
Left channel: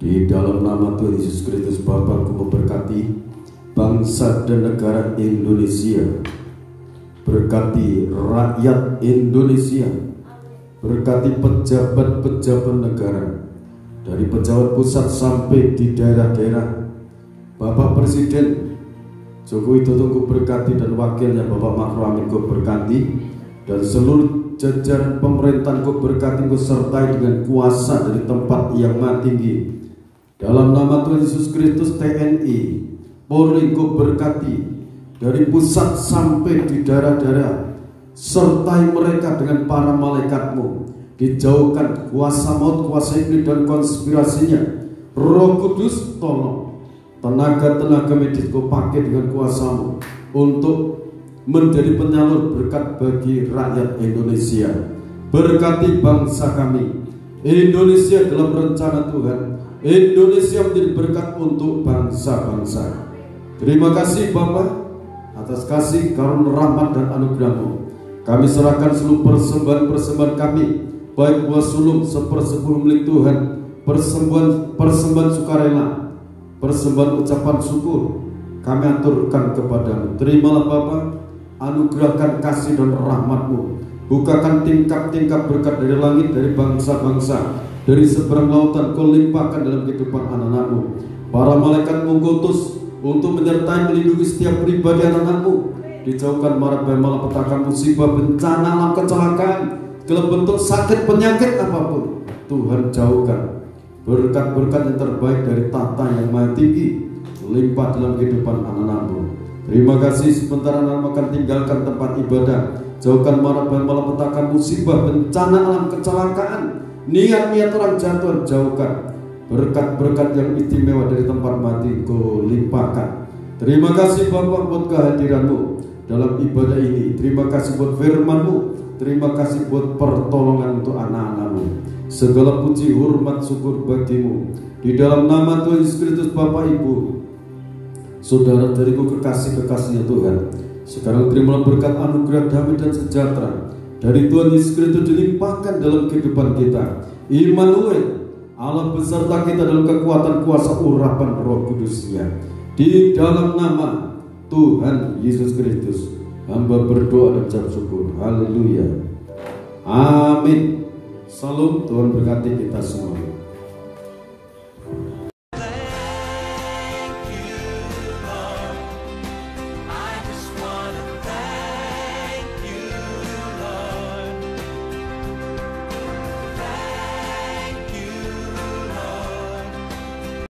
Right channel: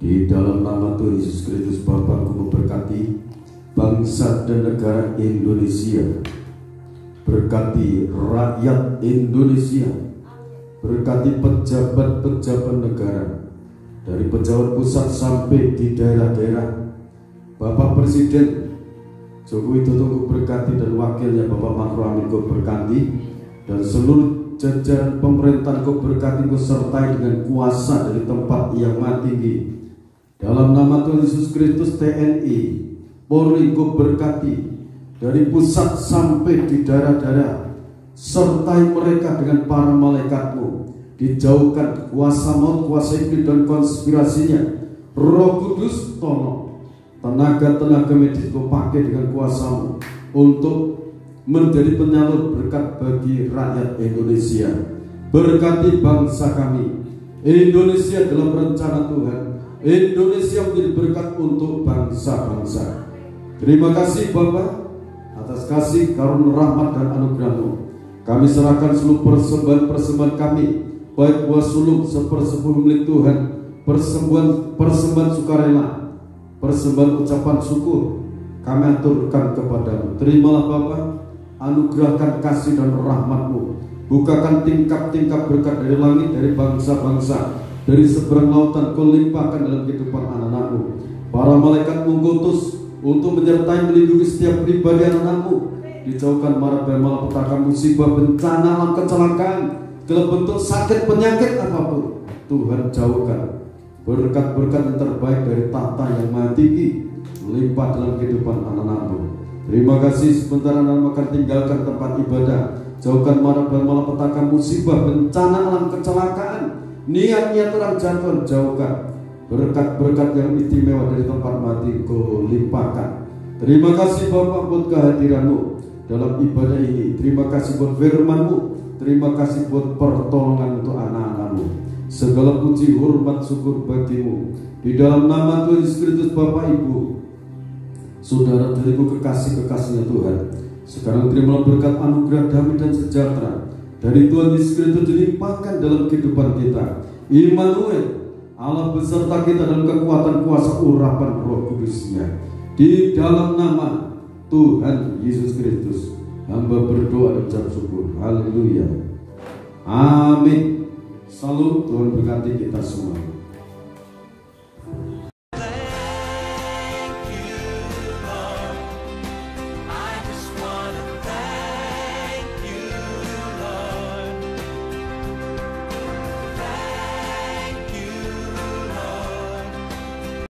Di dalam nama Tuhan Yesus Kristus Bapa, Ku memberkati bangsa dan negara Indonesia, berkati rakyat Indonesia, berkati pejabat-pejabat negara, dari pejabat pusat sampai di daerah-daerah. Bapak Presiden Joko Widodo Ku berkati dan wakilnya Bapak Ma'ruf Amin Ku berkati, dan seluruh jajaran pemerintahan Ku berkati, besertai dengan kuasa dari tempat yang maha tinggi. Dalam nama Tuhan Yesus Kristus, TNI, Polri Ku berkati dari pusat sampai di daerah-daerah, sertai mereka dengan para malaikat-Mu, dijauhkan kuasa maut, kuasa iblis dan konspirasinya. Roh Kudus tolong tenaga-tenaga medis Kau pakai dengan kuasa-Mu untuk menjadi penyalur berkat bagi rakyat Indonesia. Berkati bangsa kami Indonesia dalam rencana Tuhan. Indonesia menjadi berkat untuk bangsa-bangsa. Terima kasih Bapak atas kasih, karunia, rahmat dan anugerah-Mu. Kami serahkan seluruh persembahan-persembahan kami, baik buah sulung sepersepuluh milik Tuhan, persembahan sukarela, persembahan ucapan syukur, kami aturkan kepada-Mu. Terimalah Bapa anugerahkan kasih dan rahmat-Mu. Bukakan tingkap-tingkap berkat dari langit, dari bangsa-bangsa, dari seberang lautan. Kau limpahkan dalam kehidupan anak-anak-Mu. Para malaikat-Mu ngutus untuk menyertai melindungi setiap pribadi anak-anak-Mu. Dijauhkan mara bahaya malapetaka, musibah, bencana, alam, kecelakaan, segala bentuk sakit penyakit apapun, Tuhan jauhkan. Berkat-berkat yang terbaik dari tahta yang maha tinggi limpah dalam kehidupan anak-anak-Mu. Terima kasih sebentar anak-anak akan tinggalkan tempat ibadah. Jauhkan mara bahaya malapetaka, musibah, bencana, alam, kecelakaan, niat-niat orang jahat Tuhan jauhkan. Berkat-berkat yang istimewa dari tempat mati Kau limpahkan. Terima kasih Bapak buat kehadiran-Mu dalam ibadah ini. Terima kasih buat firman-Mu. Terima kasih buat pertolongan untuk anak-anak-Mu. Segala puji, hormat, syukur bagi-Mu. Di dalam nama Tuhan Yesus Kristus, Bapak Ibu, saudara-saudariku kekasih-kekasihnya Tuhan, sekarang terimalah berkat anugerah damai dan sejahtera dari Tuhan Yesus Kristus dilimpahkan dalam kehidupan kita. Immanuel, Allah beserta kita dalam kekuatan kuasa urapan Roh Kudus-Nya. Di dalam nama Tuhan Yesus Kristus, hamba berdoa dan ucap syukur. Haleluya. Amin. Salam, Tuhan berkati kita semua.